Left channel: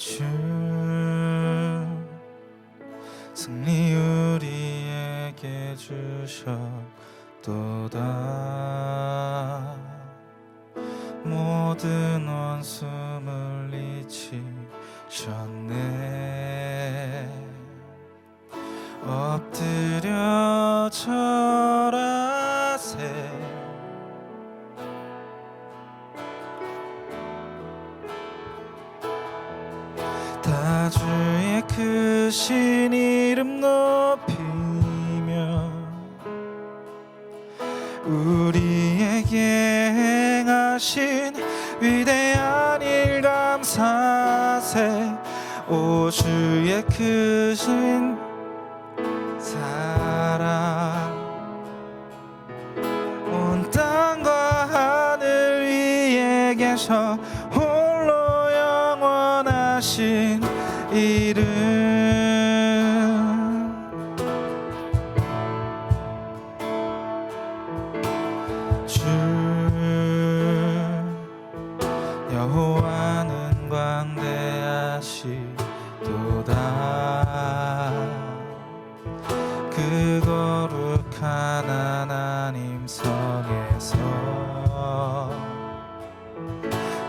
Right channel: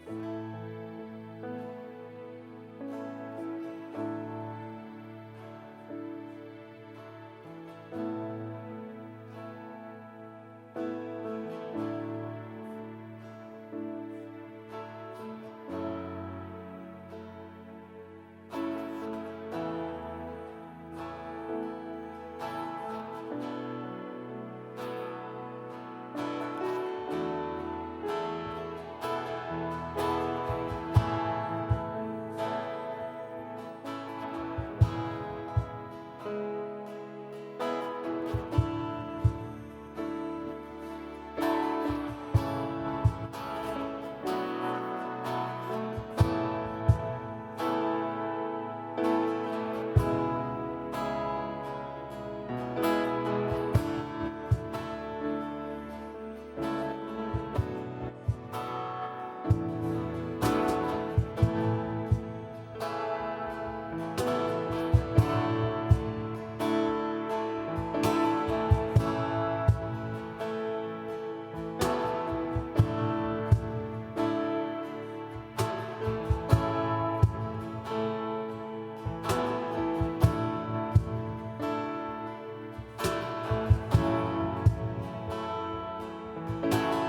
주 승리 우리에게 주셨도다. 모든 원수 물리치셨네. 엎드려 절하세. 다 주의 크신 이름 높이며 우리에게 행하신 위대한 일 감사세. 오 주의 크신 사랑 온 땅과 하늘 위에 계셔 홀로 영원하신 이름. 주 여호와는 광대하시도다. 그 거룩한 하나님 성에서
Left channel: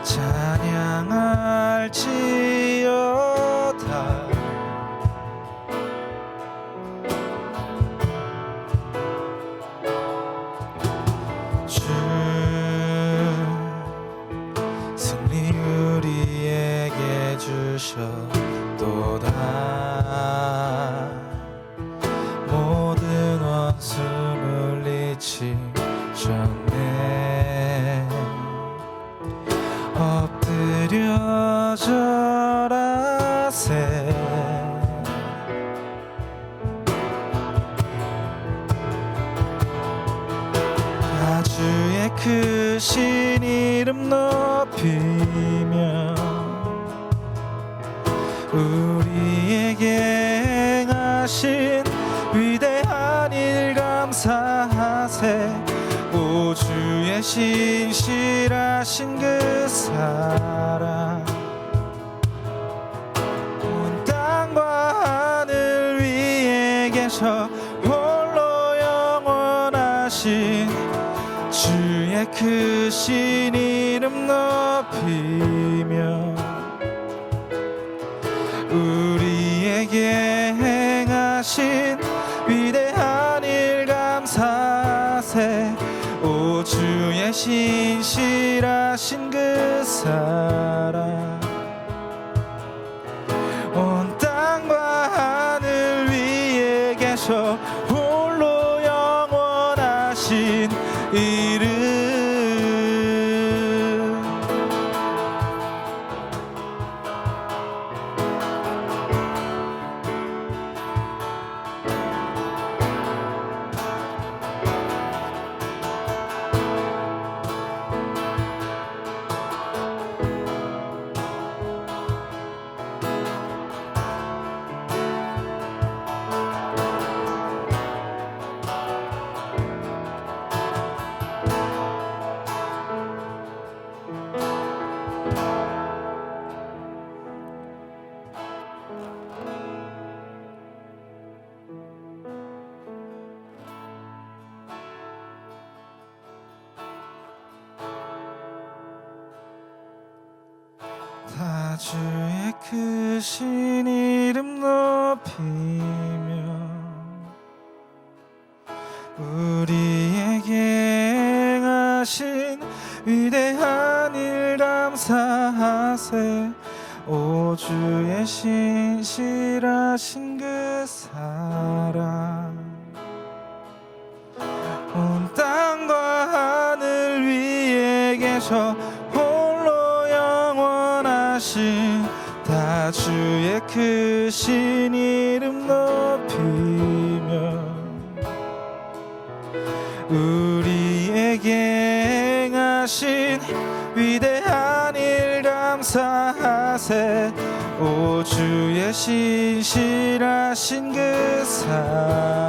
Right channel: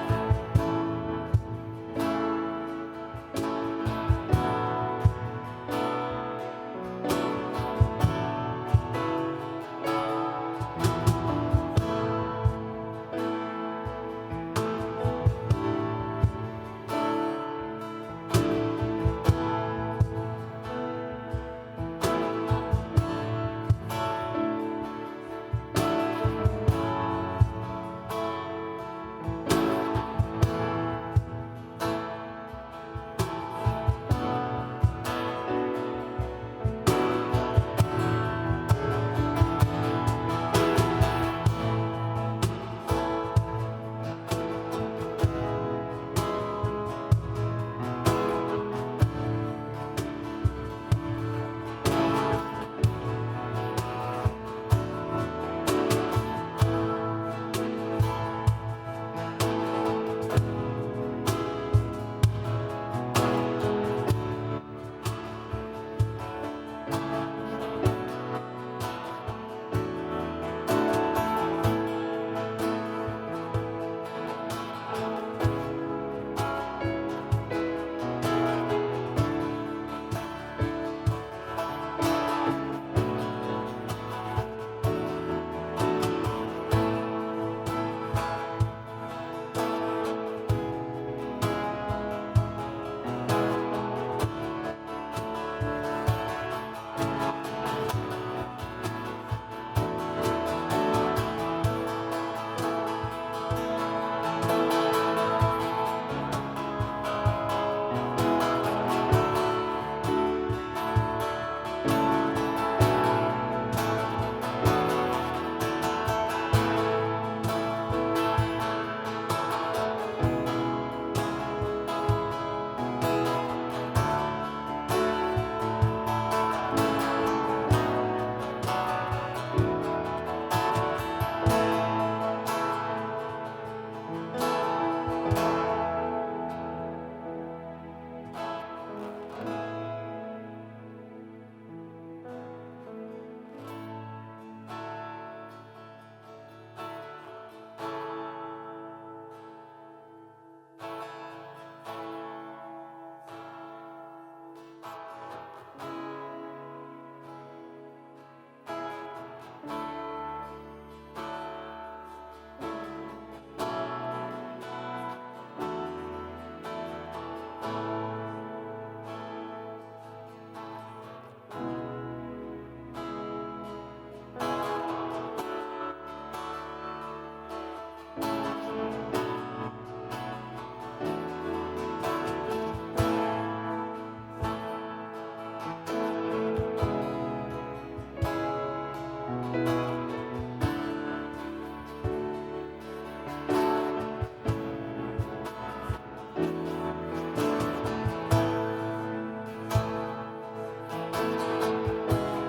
찬양할지어다. 주 승리 우리에게 주셨도다. 모든 원수 물리치셨네. 엎드려 절하세. 다 주의 크신 이름 높이며 우리에게 행하신 위대한 일 감사하세. 오 주의 신실하신 그 사랑 온 땅과 하늘 위에 계셔 홀로 영원하신 주의 크신 이름 높이며 우리에게 행하신 위대한 일 감사세. 오 주의 신실하신 그 사랑 온 땅과 하늘 위에 계셔 홀로 영원하신 이름. 다 주의 크신 이름 높이며 우리에게 행하신 위대한 일 감사하세. 오 주의 신실하신 그 사랑 온 땅과 하늘 위에 계셔 홀로 영원하신 다 주의 크신 이름 높이며 우리에게 행하신 위대한 일 감사하세. 오 주의 신실하신 그 사랑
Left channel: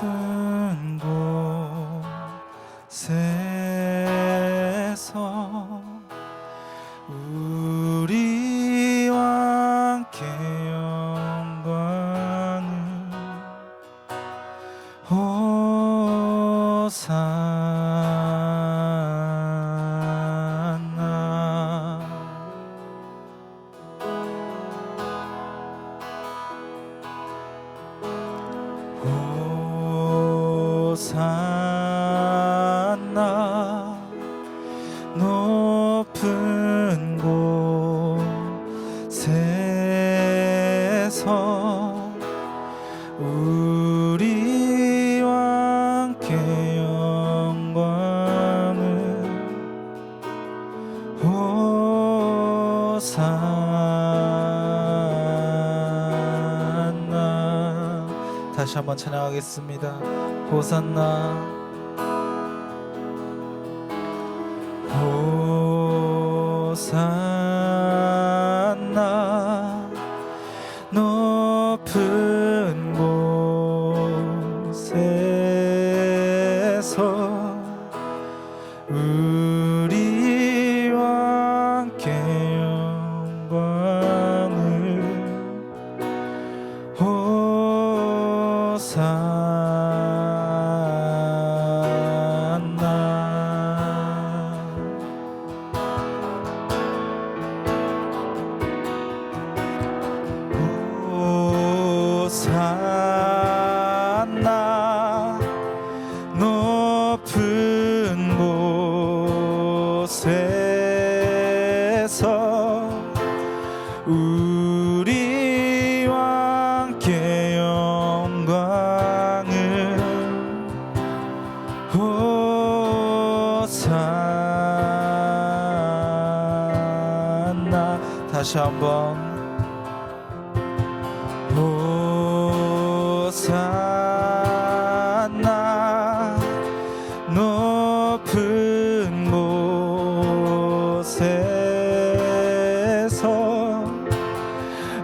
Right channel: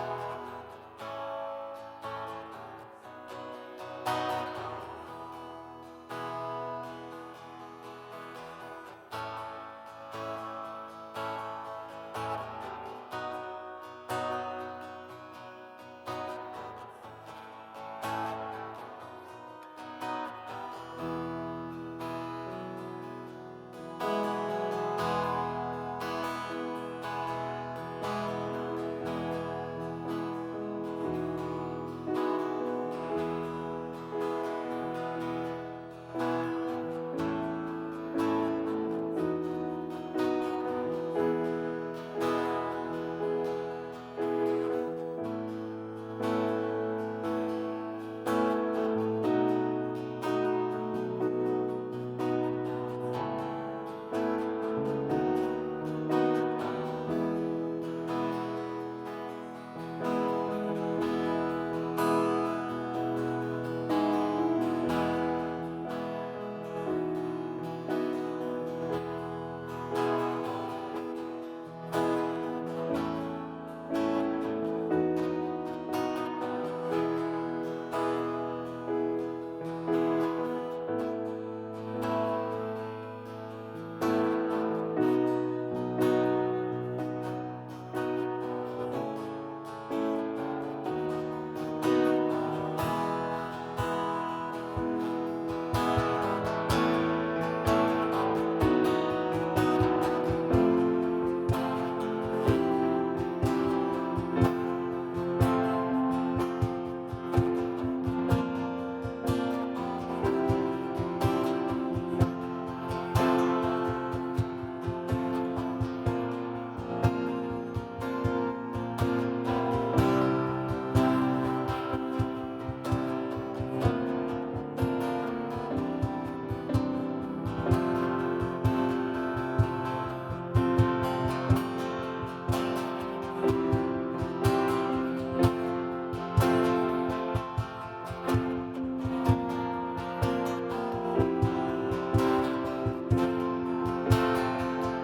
높은 곳에서 우리와 함께 영광을 호산나 호산나 높은 곳에서 우리와 함께 영광을 호산나. 다시 한번 찬양하겠습니다. 호산나 호산나 높은 곳에서 우리와 함께 영광을 호산나. 다시 한번 호산나 높은 곳에서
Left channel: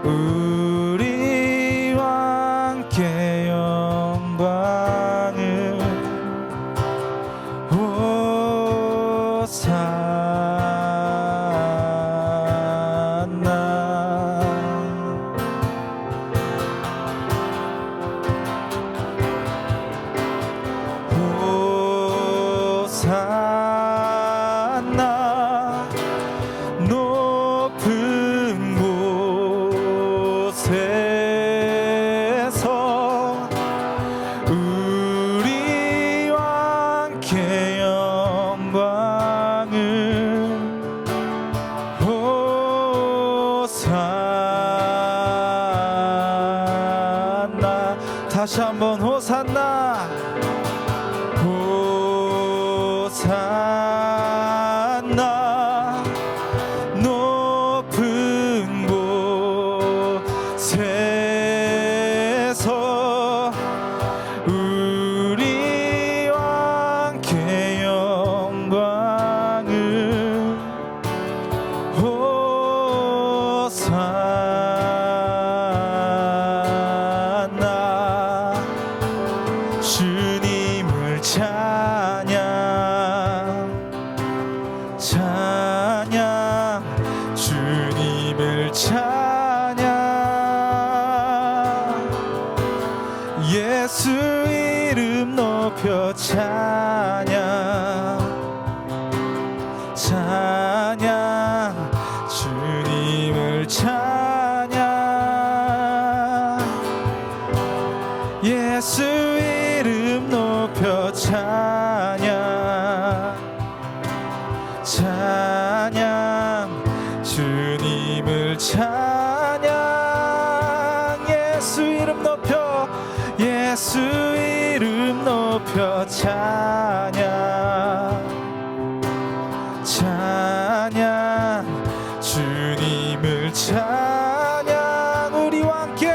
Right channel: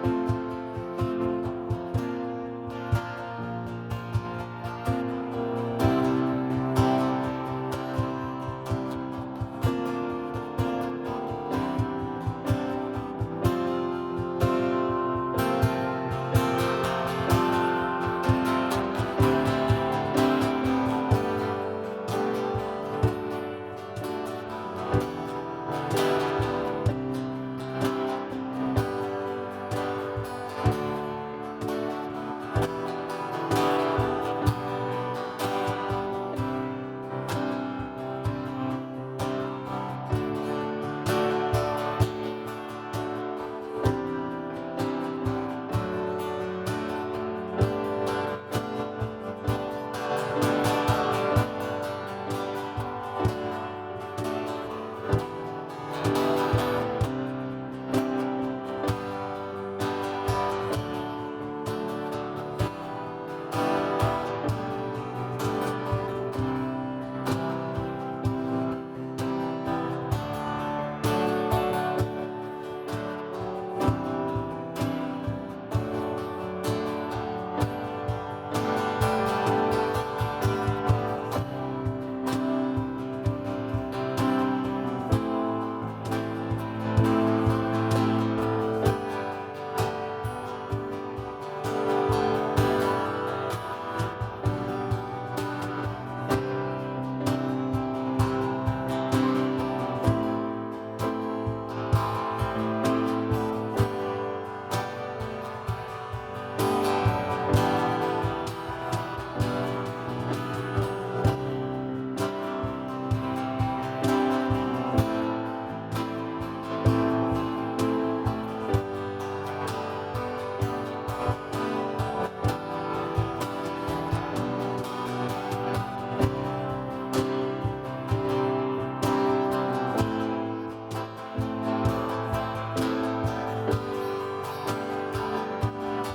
우리와 함께 영광을 다시 한번 호산나 호산나 높은 곳에서 우리와 함께 영광을 호산나. 주님을 찬양 찬양 주님을 찬양 예수 이름 높여 찬양 찬양 주님을 찬양 예수 이름 높여 찬양 찬양 주님을 찬양 예수 이름 높여 예수 이름 높여 찬양 찬양 주님을 찬양 우리와 함께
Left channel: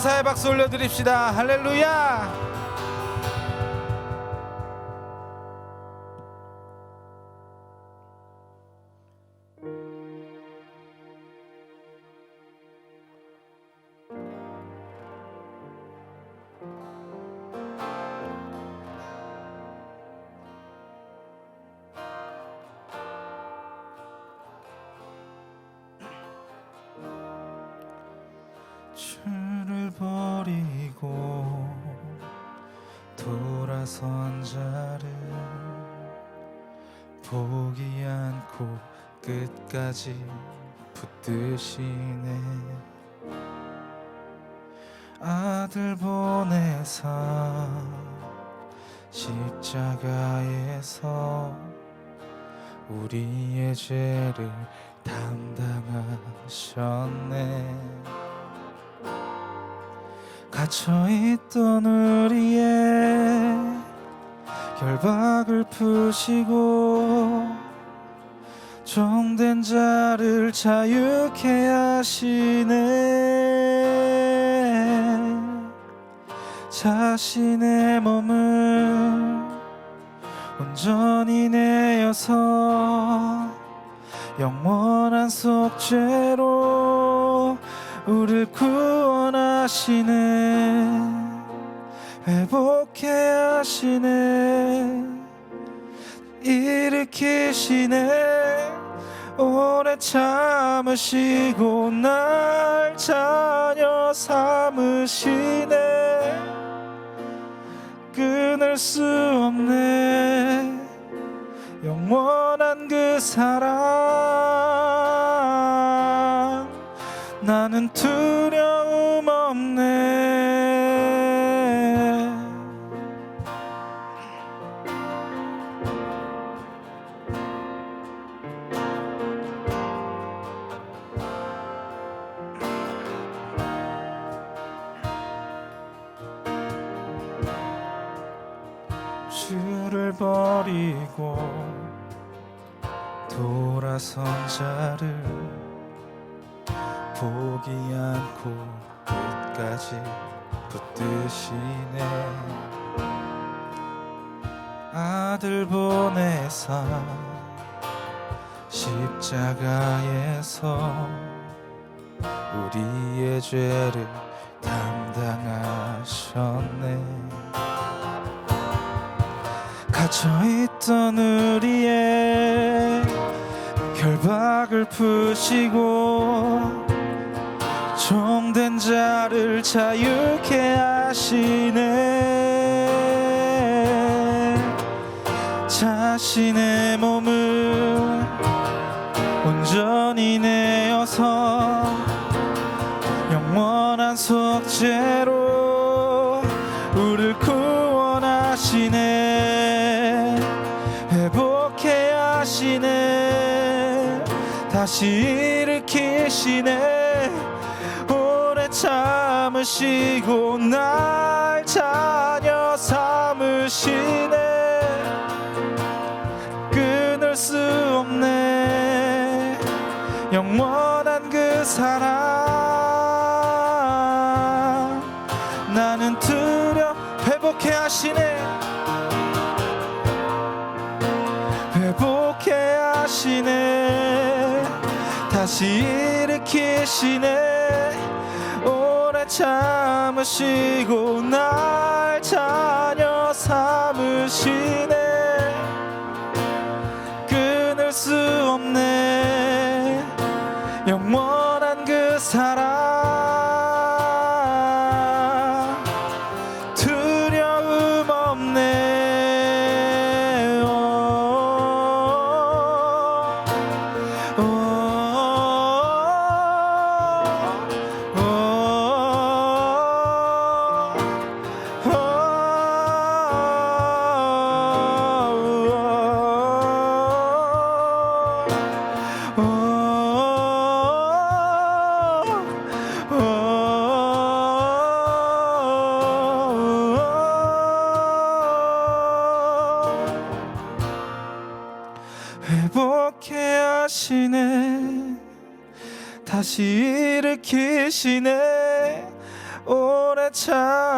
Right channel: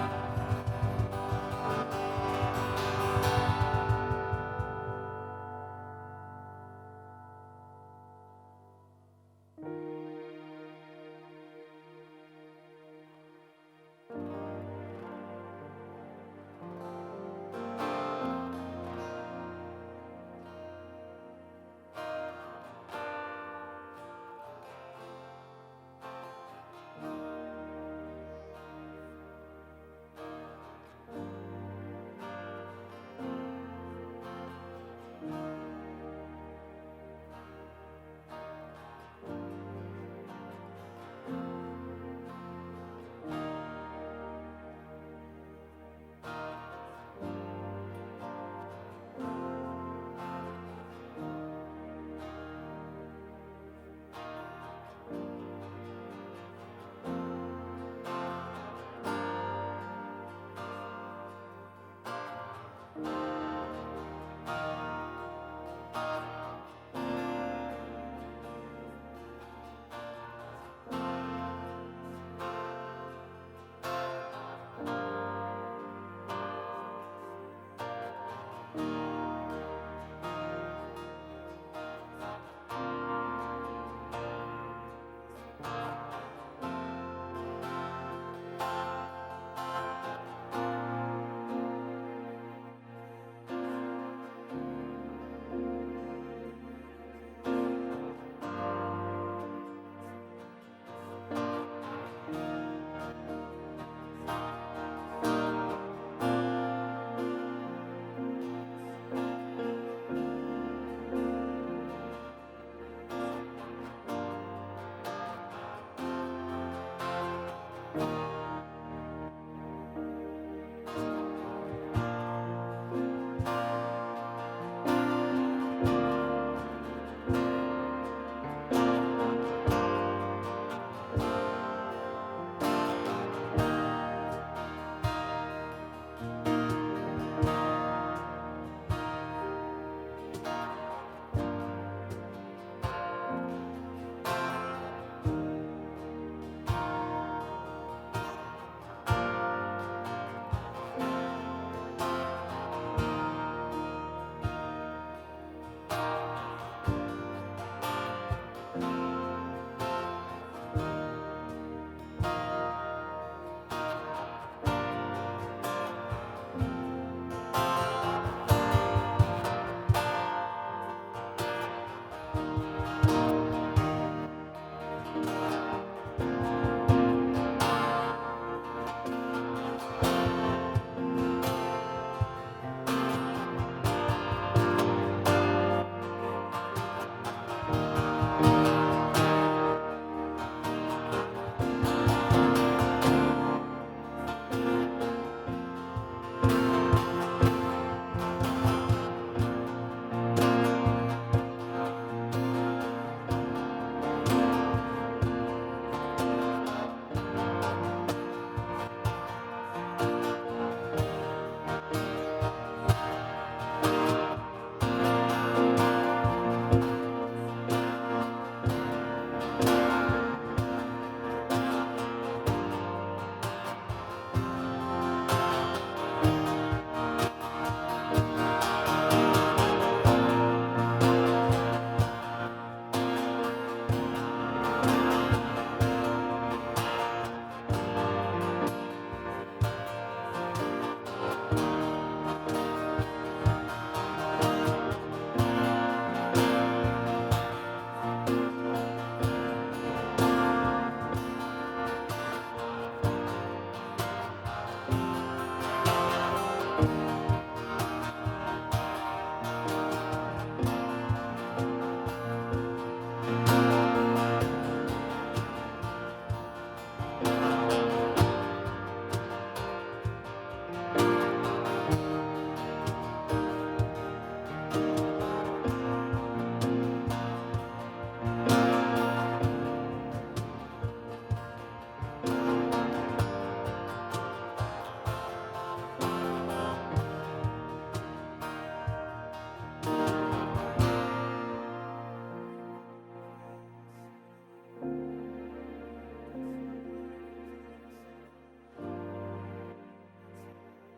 감사의 박수 올려드립시다. 할렐루야. 주를 버리고 돌아선 자를 보기 않고 끝까지 붙드시네. 아들 보내사 십자가에서 우리의 죄를 담당하셨네. 갇혀있던 우리의 결박을 푸시고 종된 자를 자유케 하시네. 자신의 몸을 온전히 내어서 영원한 속죄로 우리를 구원하시네. 회복케 하시네. 일으키시네. 오래 참으시고 날 자녀 삼으시네. 끊을 수 없네. 영원한 그 사랑. 나는 두려움 없네. 주를 버리고 돌아선 자를 보기 않고 끝까지 붙드시네. 아들 보내사 십자가에서 우리의 죄를 담당하셨네. 갇혀있던 우리의 결박을 푸시고 종된 자를 자유케 하시네. 자신의 몸을 온전히 내어서 영원한 속죄로 우리를 구원하시네. 회복케 하시네. 다시 일으키시네. 참으시고 날 자녀 삼으시네. 끊을 수 없네. 영원한 그 사랑. 나는 회복케 하시네. 회복케 하시네. 다시 일으키시네. 참으시고 날 자녀 삼으시네. 끊을 수 없네. 영원한 그 사랑. 두려움 없네. 회복케 하시네. 다시 일으키시네.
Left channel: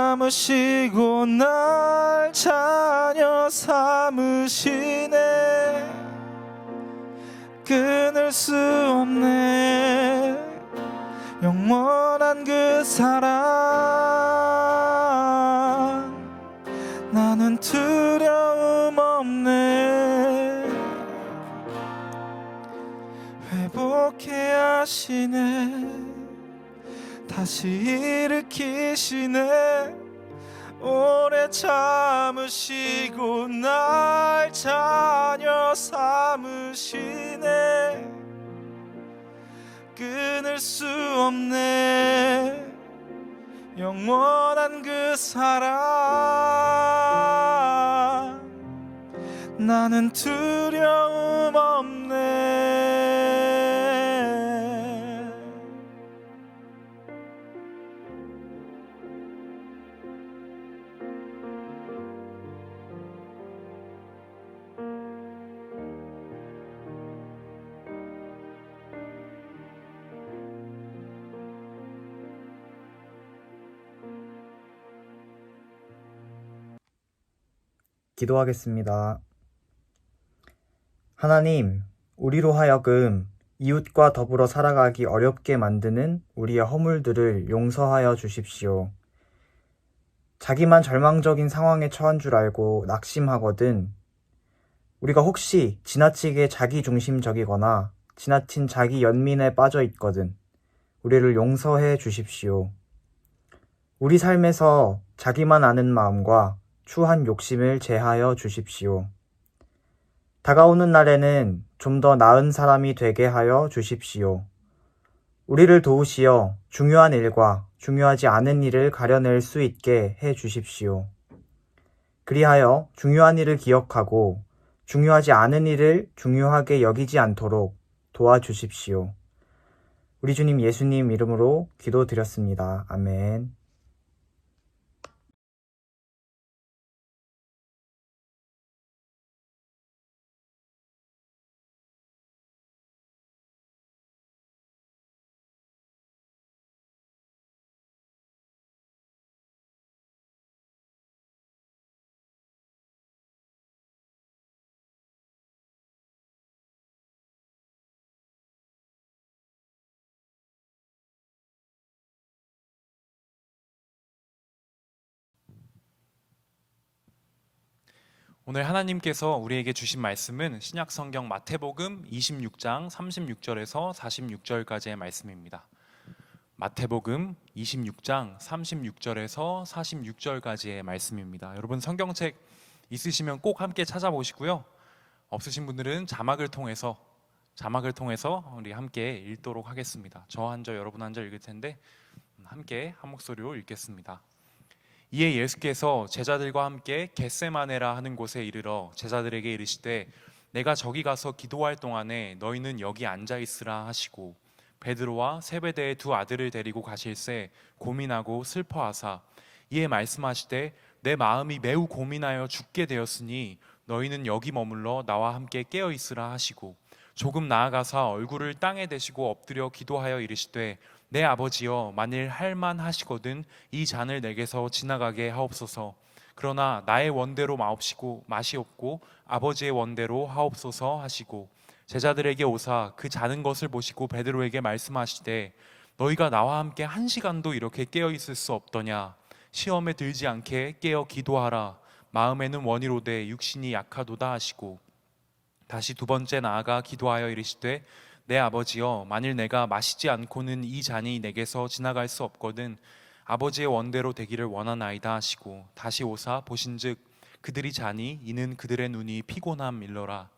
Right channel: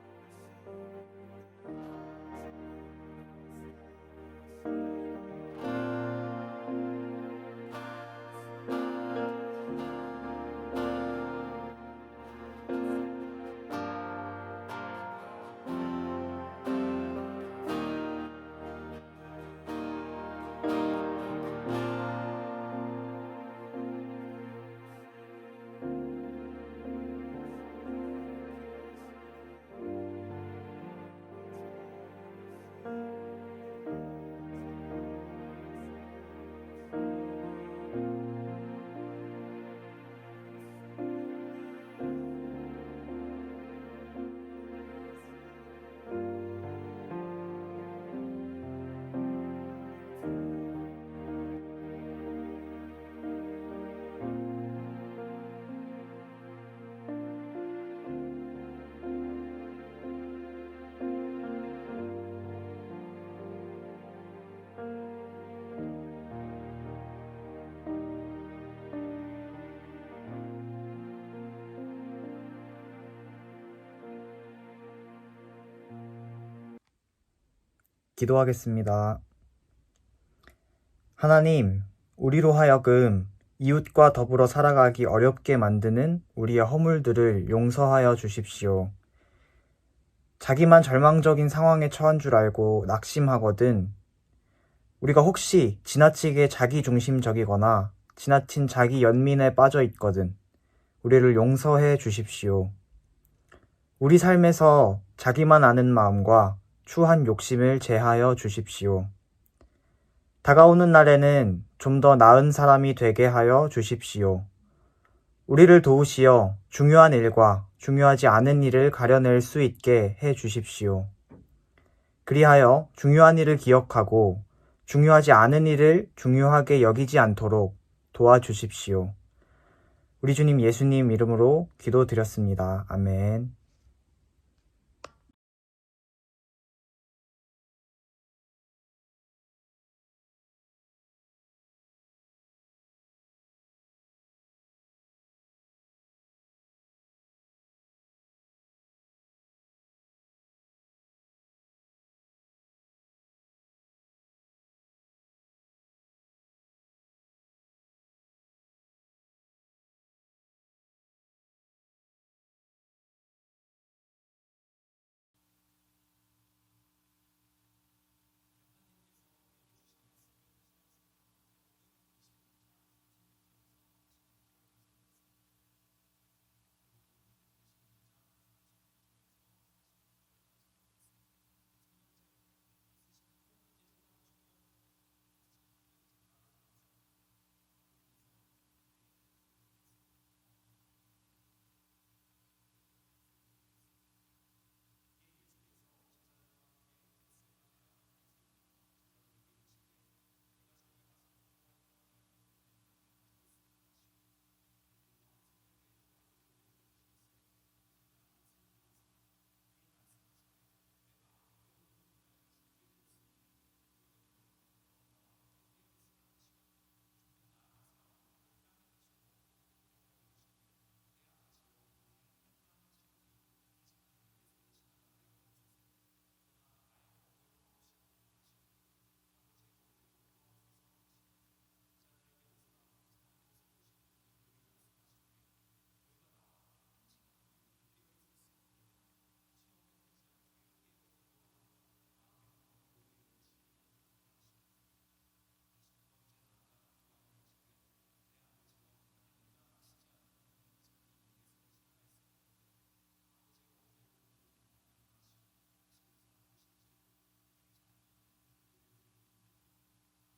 삼으시고 날 자녀 삼으시네. 끊을 수 없네 영원한 그 사랑. 나는 두려움 없네. 회복해 하시네. 다시 일으키시네. 오래 참으시고 날 자녀 삼으시네. 끊을 수 없네 영원한 그 사랑. 나는 두려움 없네. 기도하겠습니다. 하나님, 우리로 하여금 이웃과 더불어 살아가기 어렵게 만드는 우리의 허물들을 용서하여 주십시오. 자기만 절망적인 상황에 처한 줄 알고 낙심하거든 우리가 혹시 지나치게 자기중심적이거나 지나친 자기 연민에 빠져 있거든 우리를 용서해 주십시오. 우리 삶에서 자기만 아는 마음과 추한 욕심을 제하여 주십시오. 다가오는 날에는 좀 더 나은 사람이 되게 하여 주십시오. 우리를 도우시어 중요한 일과 중요하지 않은 일을 가려낼 수 있게 해 주십시오. 그리하여 중요한 일을 기억하고 중요하지 않은 일을 중요하게 여기지 않도록 도와주십시오. 우리 주님 예수님 이름으로 기도드렸습니다. 아멘. 오늘 하나님께서 우리에게 주신 말씀은 신약성경 마태복음 26장 36절에서 46절까지의 말씀입니다. 마태복음 26장 36절에서 46절까지의 말씀입니다. 여러분 성경책 있으시면 꼭 함께 찾아보시고요. 없으신 분들은 자막을 통해서 우리 함께 읽도록 하겠습니다. 저 한 절 여러분 한 절 읽을 텐데 함께 한 목소리로 읽겠습니다. 이에 예수께서 제자들과 함께 겟세마네라 하는 곳에 이르러 제자들에게 이르시되 내가 저기 가서 기도할 동안에 너희는 여기 앉아 있으라 하시고 베드로와 세베대의 두 아들을 데리고 가실새 고민하고 슬퍼하사 이에 말씀하시되 내 마음이 매우 고민하여 죽게 되었으니 너희는 여기 머물러 나와 함께 깨어 있으라 하시고 조금 나아가사 얼굴을 땅에 대시고 엎드려 기도하여 이르시되 내 아버지여 만일 할만하시거든 이 잔을 내게서 지나가게 하옵소서. 그러나 나의 원대로 마시옵고 아버지의 원대로 하옵소서 하시고 제자들에게 오사 그 자는 것을 보시고 베드로에게 말씀하시되 너희가 나와 함께 1시간도 이렇게 깨어 있을 수 없더냐. 시험에 들지 않게 깨어 기도하라. 마음에는 원이로되 육신이 약하도다 하시고 다시 두 번째 나아가 기도하여 이르시되 내 아버지여 만일 내가 마시지 않고는 이 잔이 내게서 지나갈 수 없거든 아버지의 원대로 되기를 원하나이다 하시고 다시 오사 보신즉 그들이 자니 이는 그들의 눈이 피곤함 일러라.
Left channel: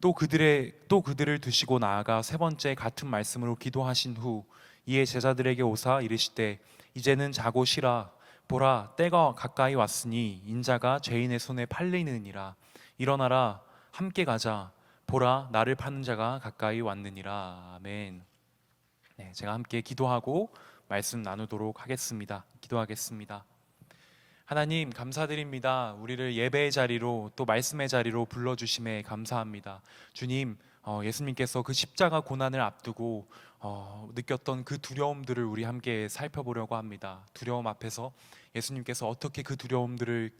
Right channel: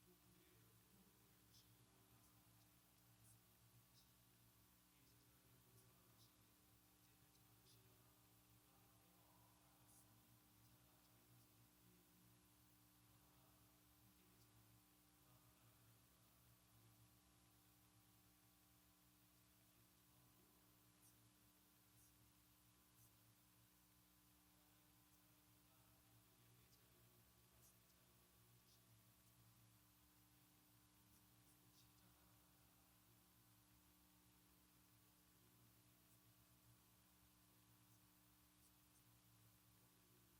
또 그들을 두시고 나아가 세 번째 같은 말씀으로 기도하신 후 이에 제자들에게 오사 이르시되 이제는 자고 쉬라. 보라 때가 가까이 왔으니 인자가 죄인의 손에 팔리느니라. 일어나라 함께 가자. 보라 나를 파는 자가 가까이 왔느니라. 아멘. 제가 함께 기도하고 말씀 나누도록 하겠습니다. 기도하겠습니다. 하나님 감사드립니다. 우리를 예배의 자리로 또 말씀의 자리로 불러주심에 감사합니다. 주님 예수님께서 그 십자가 고난을 앞두고 느꼈던 그 두려움들을 우리 함께 살펴보려고 합니다. 두려움 앞에서 예수님께서 어떻게 그 두려움들을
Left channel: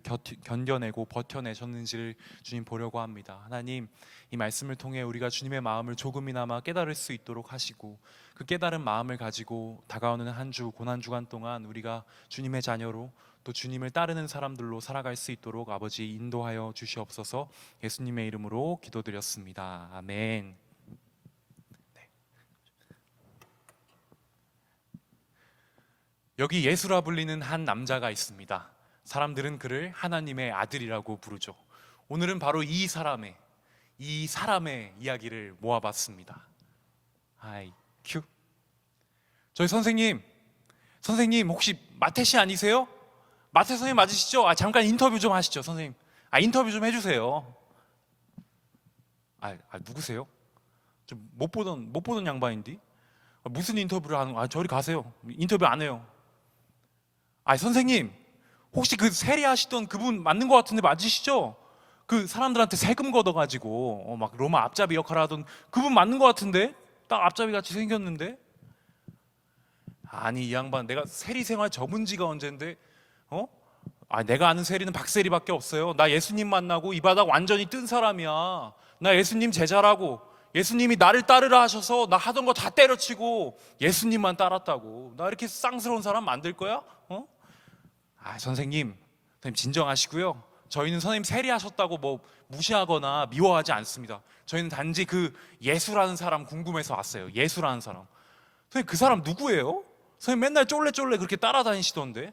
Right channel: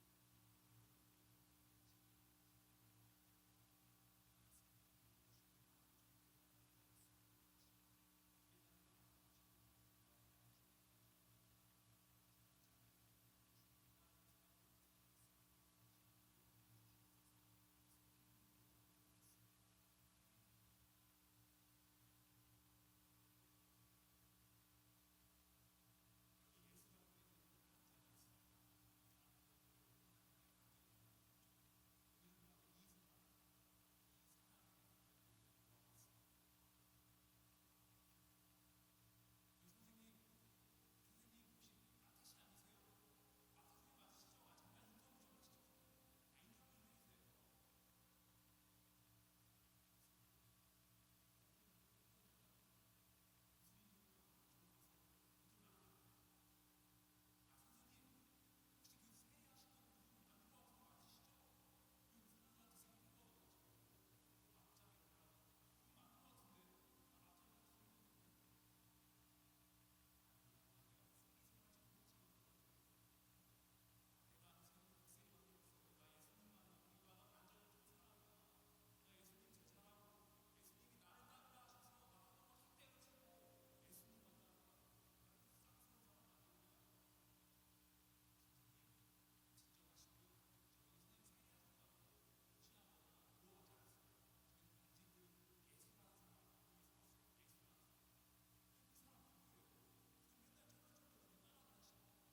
견뎌내고 버텨내셨는지를 주님 보려고 합니다. 하나님, 이 말씀을 통해 우리가 주님의 마음을 조금이나마 깨달을 수 있도록 하시고, 그 깨달은 마음을 가지고 다가오는 한 주 고난 주간 동안 우리가 주님의 자녀로 또 주님을 따르는 사람들로 살아갈 수 있도록 아버지 인도하여 주시옵소서. 예수님의 이름으로 기도드렸습니다. 아멘. 여기 예수라 불리는 한 남자가 있습니다. 사람들은 그를 하나님의 아들이라고 부르죠. 오늘은 바로 이 사람의 이야기를 모아봤습니다. 큐. 저희 선생님 혹시 마태 씨 아니세요? 마태 선생님 맞으시죠? 잠깐 인터뷰 좀 하시죠, 선생님. 인터뷰 좀 해주세요. 누구세요? 좀 못 보던 양반인데 무슨 인터뷰를 하는? 저리 가세요. 인터뷰 안 해요. 선생님 혹시 그 세리하시던 그분 맞는 것 같은데 맞으시죠? 그 사람들한테 세금 걷어가지고 막 로마 앞잡이 역할을 하던 그분 맞는 것 같은데 딱 앞잡이 같이 생겼는데. 이 양반 내가 세리 생활 접은 지가 언젠데 내가 아는 세리는 박세리밖에 없어요. 나 예수님 만나고 이 바닥 완전히 뜬 사람이야. 나 예수님 제자라고. 예수님이 나를 따르라 하셔서 나 하던 거 다 때려치고 예수님만 따랐다고. 나 이렇게 쌍스러운 사람 만들 거야? 선생님 진정하시고요. 저희는 선생님 세리하셨다고 뭐 무시하거나 미워하지 않습니다. 저희는 단지 그 예수라는 사람 궁금해서 왔어요. 예수라는 사람. 선생님 그 사람 누구예요? 선생님 맨날 쫄래쫄래 그렇게 따라다니시던데.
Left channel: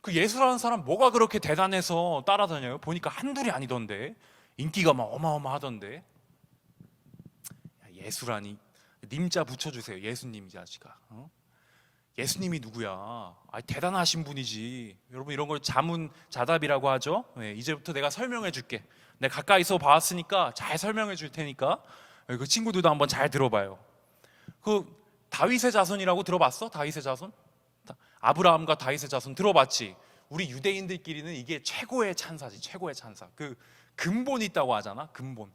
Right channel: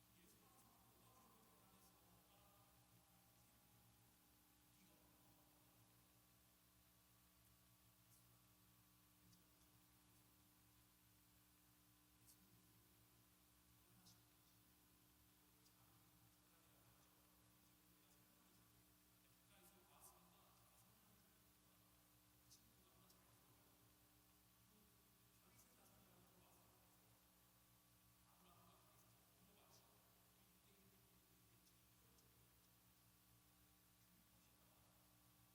그 예수라는 사람 뭐가 그렇게 대단해서 따라다녀요? 보니까 한둘이 아니던데. 인기가 막 어마어마하던데. 예수라니. 님자 붙여주세요. 예수님 자식아. 예수님이 누구야? 대단하신 분이지. 여러분 이런 걸 자문자답이라고 하죠. 이제부터 내가 설명해 줄게. 내가 가까이서 봐왔으니까 잘 설명해 줄 테니까 그 친구들도 한번 잘 들어봐요. 그 다윗의 자손이라고 들어봤어? 다윗의 자손? 아브라함과 다윗의 자손 들어봤지? 우리 유대인들끼리는 이게 최고의 찬사지. 최고의 찬사. 그 근본이 있다고 하잖아.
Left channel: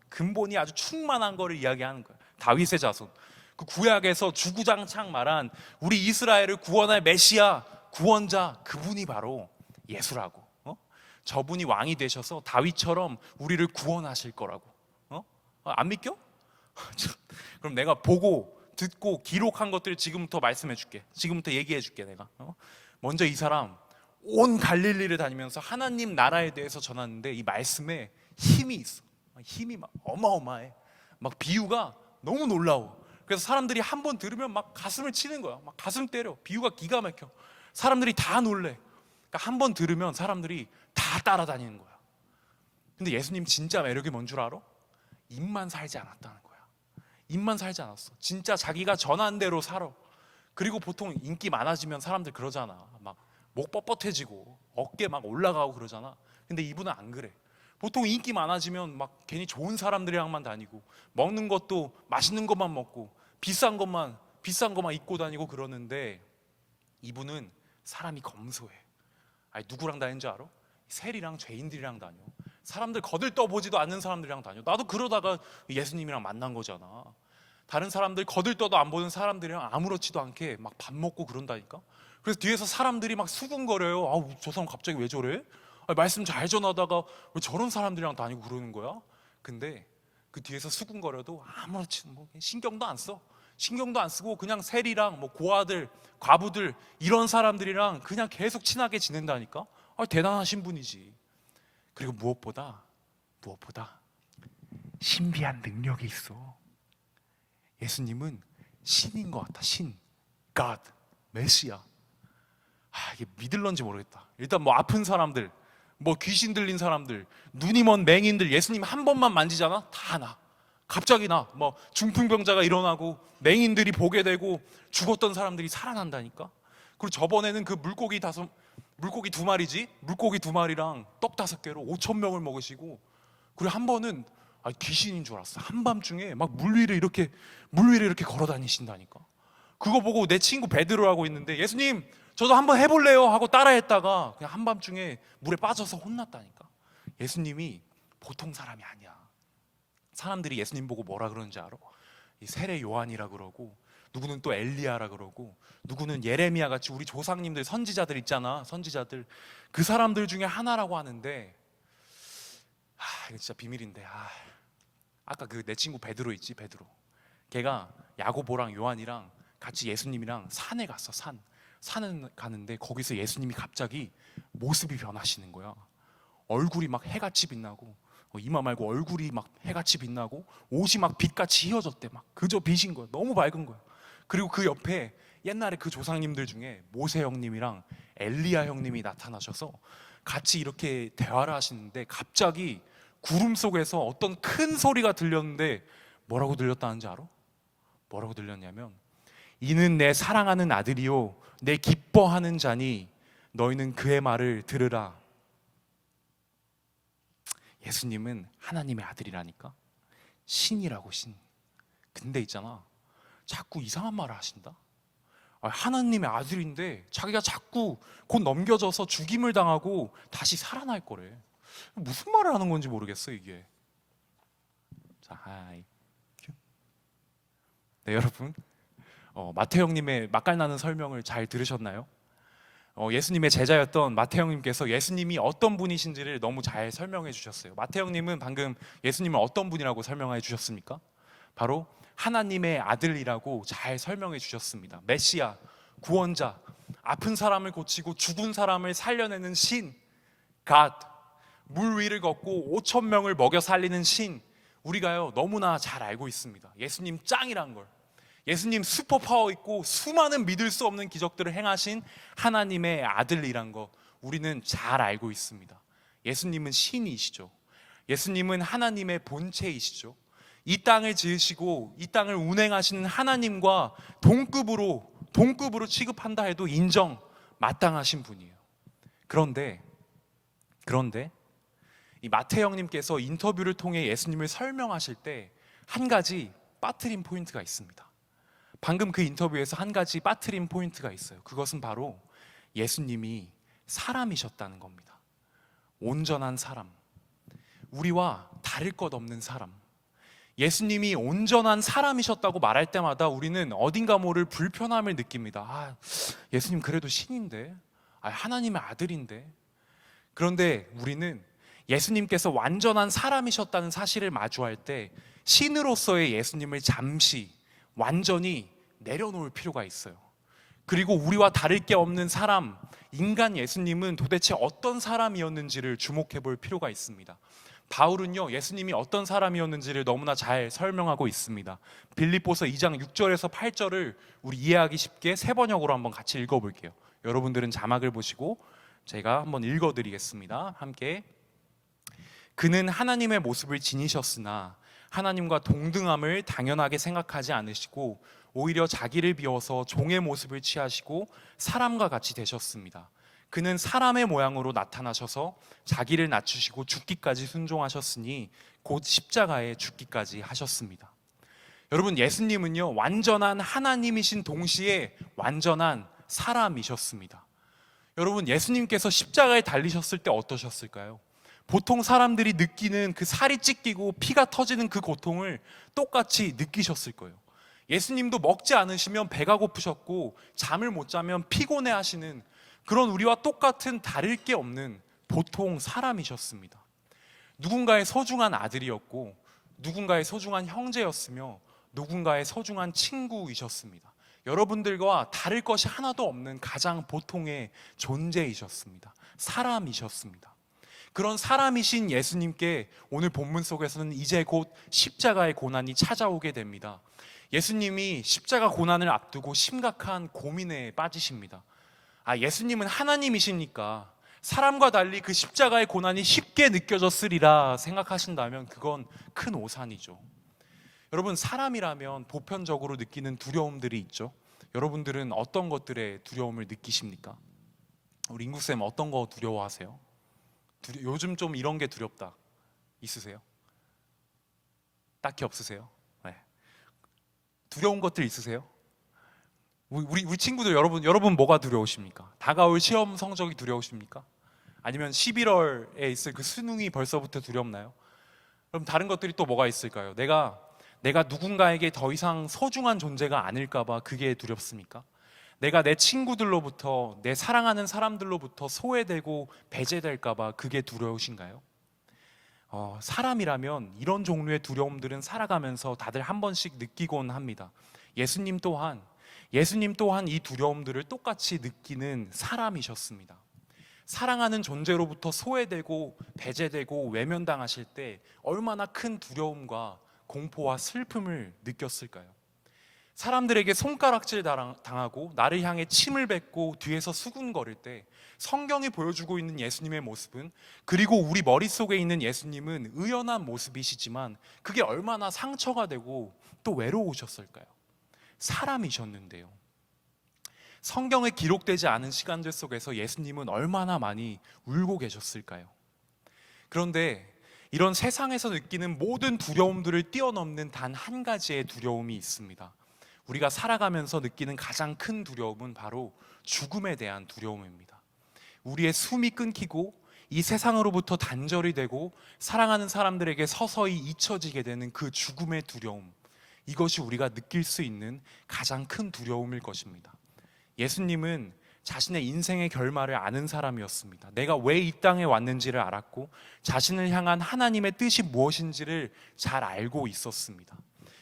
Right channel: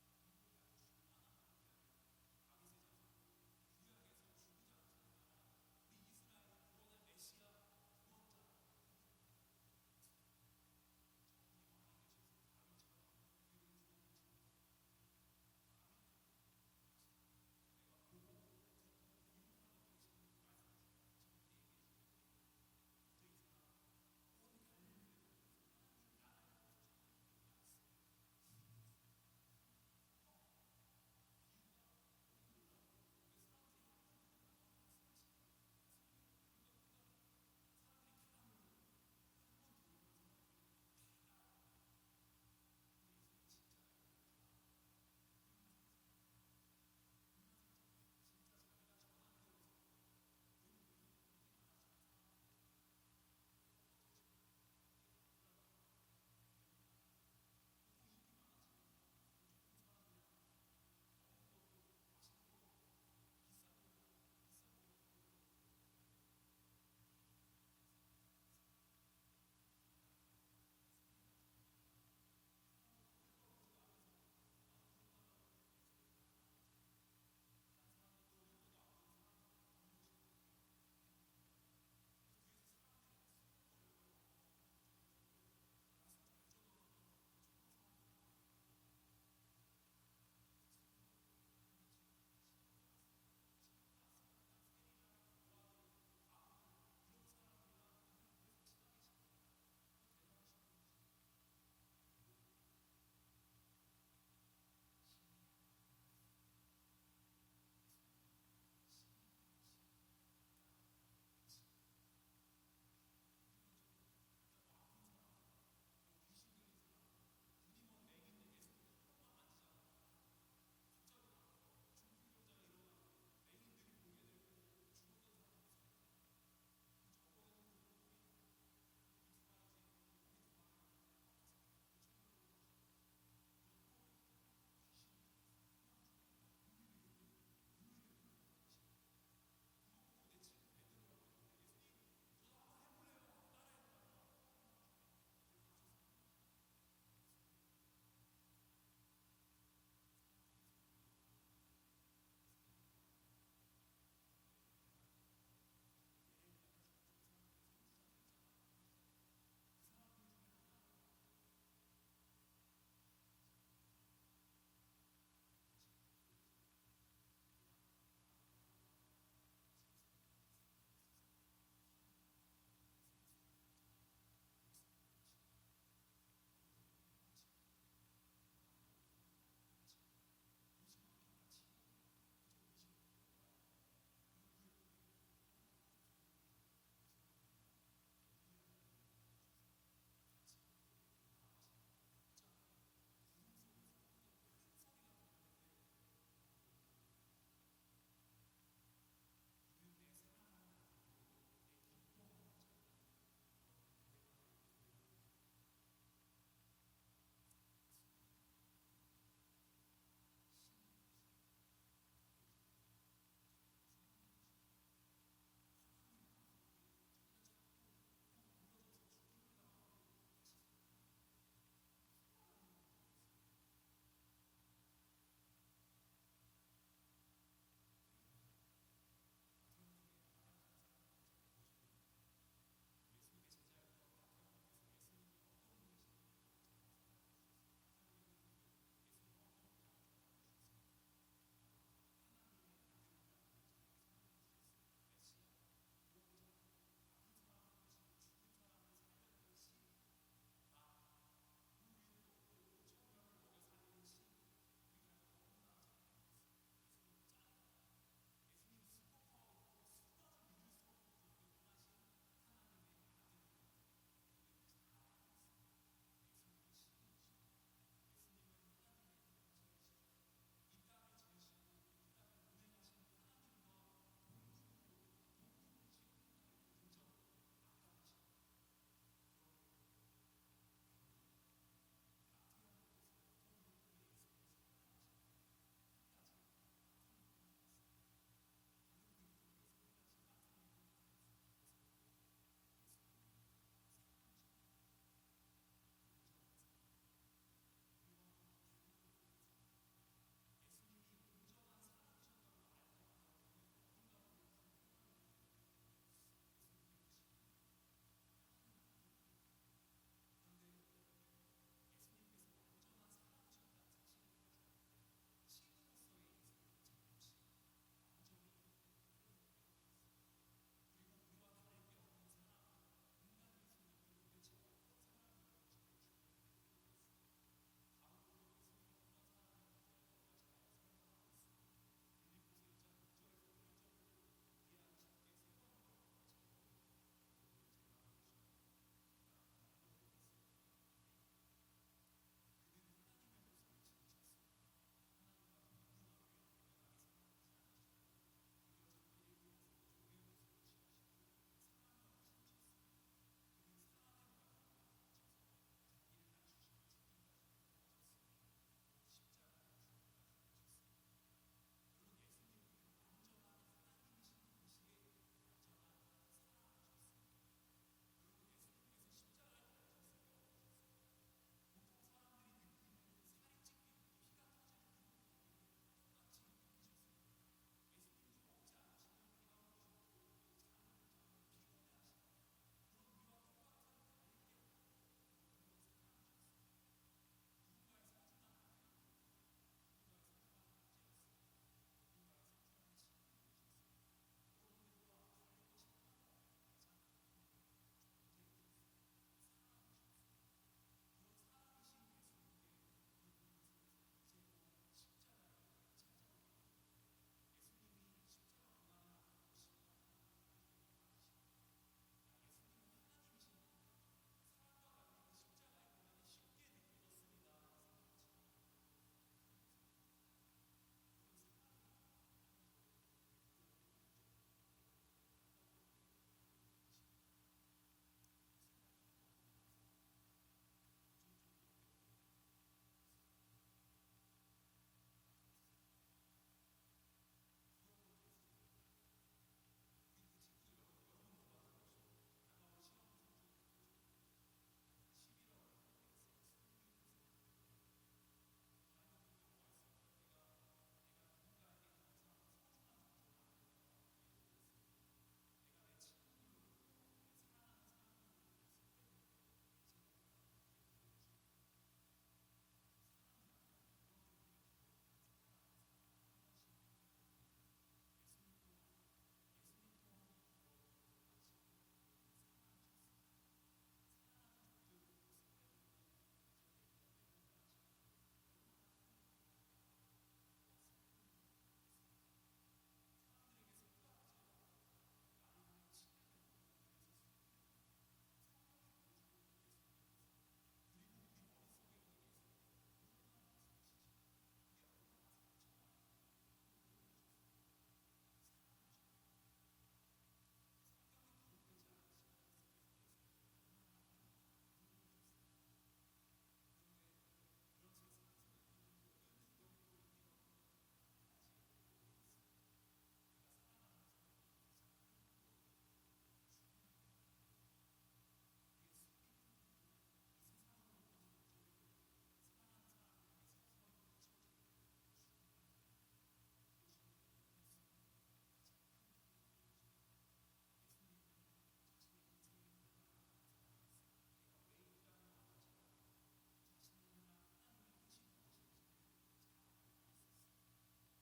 근본이 아주 충만한 거를 이야기하는 거야. 다윗의 자손. 그 구약에서 주구장창 말한 우리 이스라엘을 구원할 메시아, 구원자, 그분이 바로 예수라고. 저분이 왕이 되셔서 다윗처럼 우리를 구원하실 거라고. 안 믿겨? 그럼 내가 보고 듣고 기록한 것들을 지금부터 말씀해 줄게. 지금부터 얘기해 줄게. 내가 먼저 이 사람 온 갈릴리를 다니면서 하나님 나라에 대해서 전하는데 이 말씀에 힘이 있어. 힘이 막 어마어마해. 막 비유가 너무 놀라워. 그래서 사람들이 한 번 들으면 막 가슴을 치는 거야. 막 가슴 때려. 비유가 기가 막혀. 사람들이 다 놀래. 그러니까 한 번 들으면 사람들이 다 따라다니는 거야. 근데 예수님 진짜 매력이 뭔 줄 알아? 입만 살지 않았다는 거야. 입만 살지 않았어. 진짜 자기가 전한 대로 살아. 그리고 보통 인기 많아지면 사람들 그러잖아. 막 목 뻣뻣해지고 어깨 막 올라가고 그러잖아. 근데 이분은 안 그래. 보통 인기 많아지면 막 괜히 좋은 사람들이랑만 다니고 먹는 것도 맛있는 것만 먹고 비싼 것만 입고 다니고 그러는데 이분은 사람이 검소해. 누구랑 다니는 줄 알아? 세리랑 죄인들이랑 다녀. 사람들 거들떠보지도 않는 사람들이랑 다녀. 나도 그러다가 예수님이랑 만난 거잖아. 다른 사람들 거들떠도 안 보는 사람들이랑 아무렇지도 않게 막 밥 먹고 그런다니까. 그래서 뒤에서 사람들이 막 수군거려요. 저 사람 갑자기 왜 저래? 말씀 잘 전하다가 왜 저런 사람들이랑 다니고 그러는 거야? 근데 그 뒤에서 수군거려도 아무렇지 뭐 신경도 안 써. 신경도 안 쓰고 그냥 세리랑 뭐 고아들, 과부들 이런 사람들이랑 그냥 계속 친하게 지낸다니까. 대단하신 분이지. 그리고 무엇보다 신비한 능력이 있어. 예수님은 신인 것 같아. 신, God, 메시아. 이게 믿을런지 모르겠다. 일단 뭐 아픈 사람들, 뭐 귀신 들린 사람들, 눈이 먼 맹인들 예수님 한 번만 만지잖아? 다 나. 갑자기 나. 뭐 중풍병자가 일어나고 맹인들이 보게 되고 죽었던 사람들이 살아난다니까. 그리고 저번에는 그 물고기 두 마리지? 물고기 두 마리랑 떡 5개로 5,000명을 먹으시고, 그리고 한 번은 귀신인 줄 알았어. 한밤중에 막 물 위를 이렇게 걸어 다니신다니까. 그거 보고 내 친구 베드로라고 있는데 예수님 저도 한번 해볼래요 하고 따라했다가 그냥 한밤중에 물에 빠져서 혼났다니까. 예수님이 보통 사람이 아니야. 사람들이 예수님 보고 뭐라 그러는지 알아? 이 세례 요한이라 그러고, 누구는 또 엘리야라 그러고, 누구는 예레미야 같이 우리 조상님들 선지자들 있잖아. 선지자들 그 사람들 중에 하나라고 하는데, 이거 진짜 비밀인데, 아까 그 내 친구 베드로 있지, 베드로. 걔가 야고보랑 요한이랑 같이 예수님이랑 산에 갔어. 산을 가는데 거기서 예수님이 갑자기 모습이 변하시는 거야. 얼굴이 막 해같이 빛나고, 이마 말고 얼굴이 막 해같이 빛나고, 옷이 막 빛같이 휘어졌대. 막 그저 빛인 거야. 너무 밝은 거야. 그리고 그 옆에 옛날에 그 조상님들 중에 모세 형님이랑 엘리야 형님이 나타나셔서 같이 이렇게 대화를 하시는데, 갑자기 구름 속에서 어떤 큰 소리가 들렸는데, 뭐라고 들렸다는지 알아? 뭐라고 들렸냐면, 이는 내 사랑하는 아들이요 내 기뻐하는 자니 너희는 그의 말을 들으라. 예수님은 하나님의 아들이라니까. 신이라고, 신. 근데 있잖아, 자꾸 이상한 말을 하신다. 하나님의 아들인데 자기가 자꾸 곧 넘겨져서 죽임을 당하고 다시 살아날 거래. 무슨 말을 하는 건지 모르겠어 이게. 자, 네, 여러분, 마태형님의 맛깔나는 설명을 잘 들으셨나요? 예수님의 제자였던 마태형님께서 예수님이 어떤 분이신지를 너무 잘 설명해 주셨어요. 마태형님은 방금 예수님을 어떤 분이라고 설명해 주셨습니까? 바로 하나님의 아들이라고 잘 설명해 주셨습니다. 메시아, 구원자, 아픈 사람을 고치고 죽은 사람을 살려내는 신, 갓, 물 위를 걷고 5천 명을 먹여 살리는 신. 우리가요 너무나 잘 알고 있습니다. 예수님 짱이란 걸. 예수님 슈퍼파워 있고 수많은 믿을 수 없는 기적들을 행하신 하나님의 아들이란 거 우리는 잘 알고 있습니다. 예수님은 신이시죠. 예수님은 하나님의 본체이시죠. 이 땅을 지으시고 이 땅을 운행하시는 하나님과 동급으로 취급한다 해도 인정 마땅하신 분이에요. 그런데 이 마태형님께서 인터뷰를 통해 예수님을 설명하실 때 한 가지 빠뜨린 포인트가 있습니다. 방금 그 인터뷰에서 한 가지 빠뜨린 포인트가 있어요. 그것은 바로 예수님이 사람이셨다는 겁니다. 온전한 사람, 우리와 다를 것 없는 사람. 예수님이 온전한 사람이셨다고 말할 때마다 우리는 어딘가 모를 불편함을 느낍니다. 예수님 그래도 신인데, 하나님의 아들인데. 그런데 우리는 예수님께서 완전한 사람이셨다는 사실을 마주할 때 신으로서의 예수님을 잠시 완전히 내려놓을 필요가 있어요. 그리고 우리와 다를 게 없는 사람, 인간 예수님은 도대체 어떤 사람이었는지를 주목해 볼 필요가 있습니다. 바울은요 예수님이 어떤 사람이었는지를 너무나 잘 설명하고 있습니다. 빌립보서 2장 6절에서 8절을 우리 이해하기 쉽게 세 번역으로 한번 같이 읽어볼게요. 여러분들은 자막을 보시고 제가 한번 읽어드리겠습니다. 함께. 그는 하나님의 모습을 지니셨으나 하나님과 동등함을 당연하게 생각하지 않으시고 오히려 자기를 비워서 종의 모습을 취하시고 사람과 같이 되셨습니다. 그는 사람의 모양으로 나타나셔서 자기를 낮추시고 죽기까지 순종하셨으니 곧 십자가에 죽기까지 하셨습니다. 여러분, 예수님은요 완전한 하나님이신 동시에 완전한 사람이셨습니다. 여러분, 예수님께서 십자가에 달리셨을 때 어떠셨을까요? 보통 사람들이 느끼는 그 살이 찢기고 피가 터지는 그 고통을 똑같이 느끼셨을 거예요. 예수님도 먹지 않으시면 배가 고프셨고 잠을 못 자면 피곤해 하시는 그런 우리와 똑같은 다를 게 없는 보통 사람이셨습니다. 누군가의 소중한 아들이었고 누군가의 소중한 형제였으며 누군가의 소중한 친구이셨습니다. 여러분들과 다를 것이 하나도 없는 가장 보통의 존재이셨습니다. 사람이셨습니다. 그런 사람이신 예수님께 오늘 본문 속에서는 이제 곧 십자가의 고난이 찾아오게 됩니다. 예수님이 십자가 고난을 앞두고 심각한 고민에 빠지십니다. 예수님은 하나님이시니까 사람과 달리 그 십자가의 고난이 쉽게 느껴졌으리라 생각하신다면 그건 큰 오산이죠. 여러분, 사람이라면 보편적으로 느끼는 두려움들이 있죠. 여러분들은 어떤 것들에 두려움을 느끼십니까? 우리 인국쌤 어떤 거 두려워하세요? 요즘 좀 이런 게 두렵다 있으세요? 딱히 없으세요? 네. 두려운 것들 있으세요? 우리 친구들 여러분 뭐가 두려우십니까? 다가올 시험 성적이 두려우십니까? 아니면 11월에 있을 그 수능이 벌써부터 두렵나요? 그럼 다른 것들이 또 뭐가 있을까요? 내가 누군가에게 더 이상 소중한 존재가 아닐까 봐 그게 두렵습니까? 내가 내 친구들로부터, 내 사랑하는 사람들로부터 소외되고 배제될까봐 그게 두려우신가요? 사람이라면 이런 종류의 두려움들은 살아가면서 다들 한 번씩 느끼곤 합니다. 예수님 또한 이 두려움들을 똑같이 느끼는 사람이셨습니다. 사랑하는 존재로부터 소외되고 배제되고 외면당하실 때 얼마나 큰 두려움과 공포와 슬픔을 느꼈을까요? 사람들에게 손가락질 당하고 나를 향해 침을 뱉고 뒤에서 수군거릴 때 성경이 보여주고 있는 예수님의 모습은, 그리고 우리 머릿속에 있는 예수님은 의연한 모습이시지만 그게 얼마나 상처가 되고 또 외로우셨을까요? 사람이셨는데요. 성경에 기록되지 않은 시간들 속에서 예수님은 얼마나 많이 울고 계셨을까요? 그런데 이런 세상에서 느끼는 모든 두려움들을 뛰어넘는 단 한 가지의 두려움이 있습니다. 우리가 살아가면서 느끼는 가장 큰 두려움은 바로 죽음에 대한 두려움입니다. 우리의 숨이 끊기고 이 세상으로부터 단절이 되고 사랑하는 사람들에게 서서히 잊혀지게 되는 그 죽음의 두려움, 이것이 우리가 느낄 수 있는 가장 큰 두려움일 것입니다. 예수님은 자신의 인생의 결말을 아는 사람이었습니다. 내가 왜 이 땅에 왔는지를 알았고 자신을 향한 하나님의 뜻이 무엇인지를 잘 알고 있었습니다.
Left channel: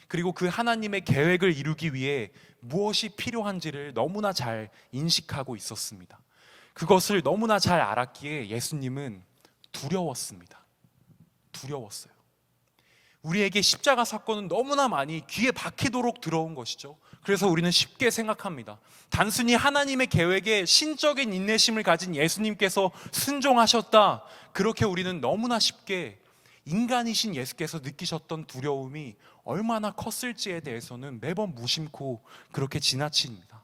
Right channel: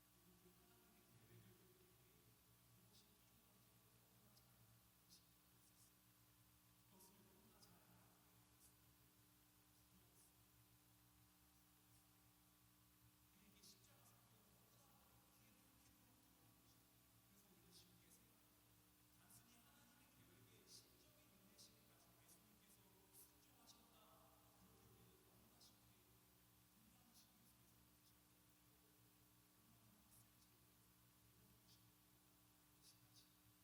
그리고 그 하나님의 계획을 이루기 위해 무엇이 필요한지를 너무나 잘 인식하고 있었습니다. 그것을 너무나 잘 알았기에 예수님은 두려웠습니다. 두려웠어요. 우리에게 십자가 사건은 너무나 많이 귀에 박히도록 들어온 것이죠. 그래서 우리는 쉽게 생각합니다. 단순히 하나님의 계획에 신적인 인내심을 가진 예수님께서 순종하셨다, 그렇게 우리는 너무나 쉽게 인간이신 예수께서 느끼셨던 두려움이 얼마나 컸을지에 대해서는 매번 무심코 그렇게 지나칩니다.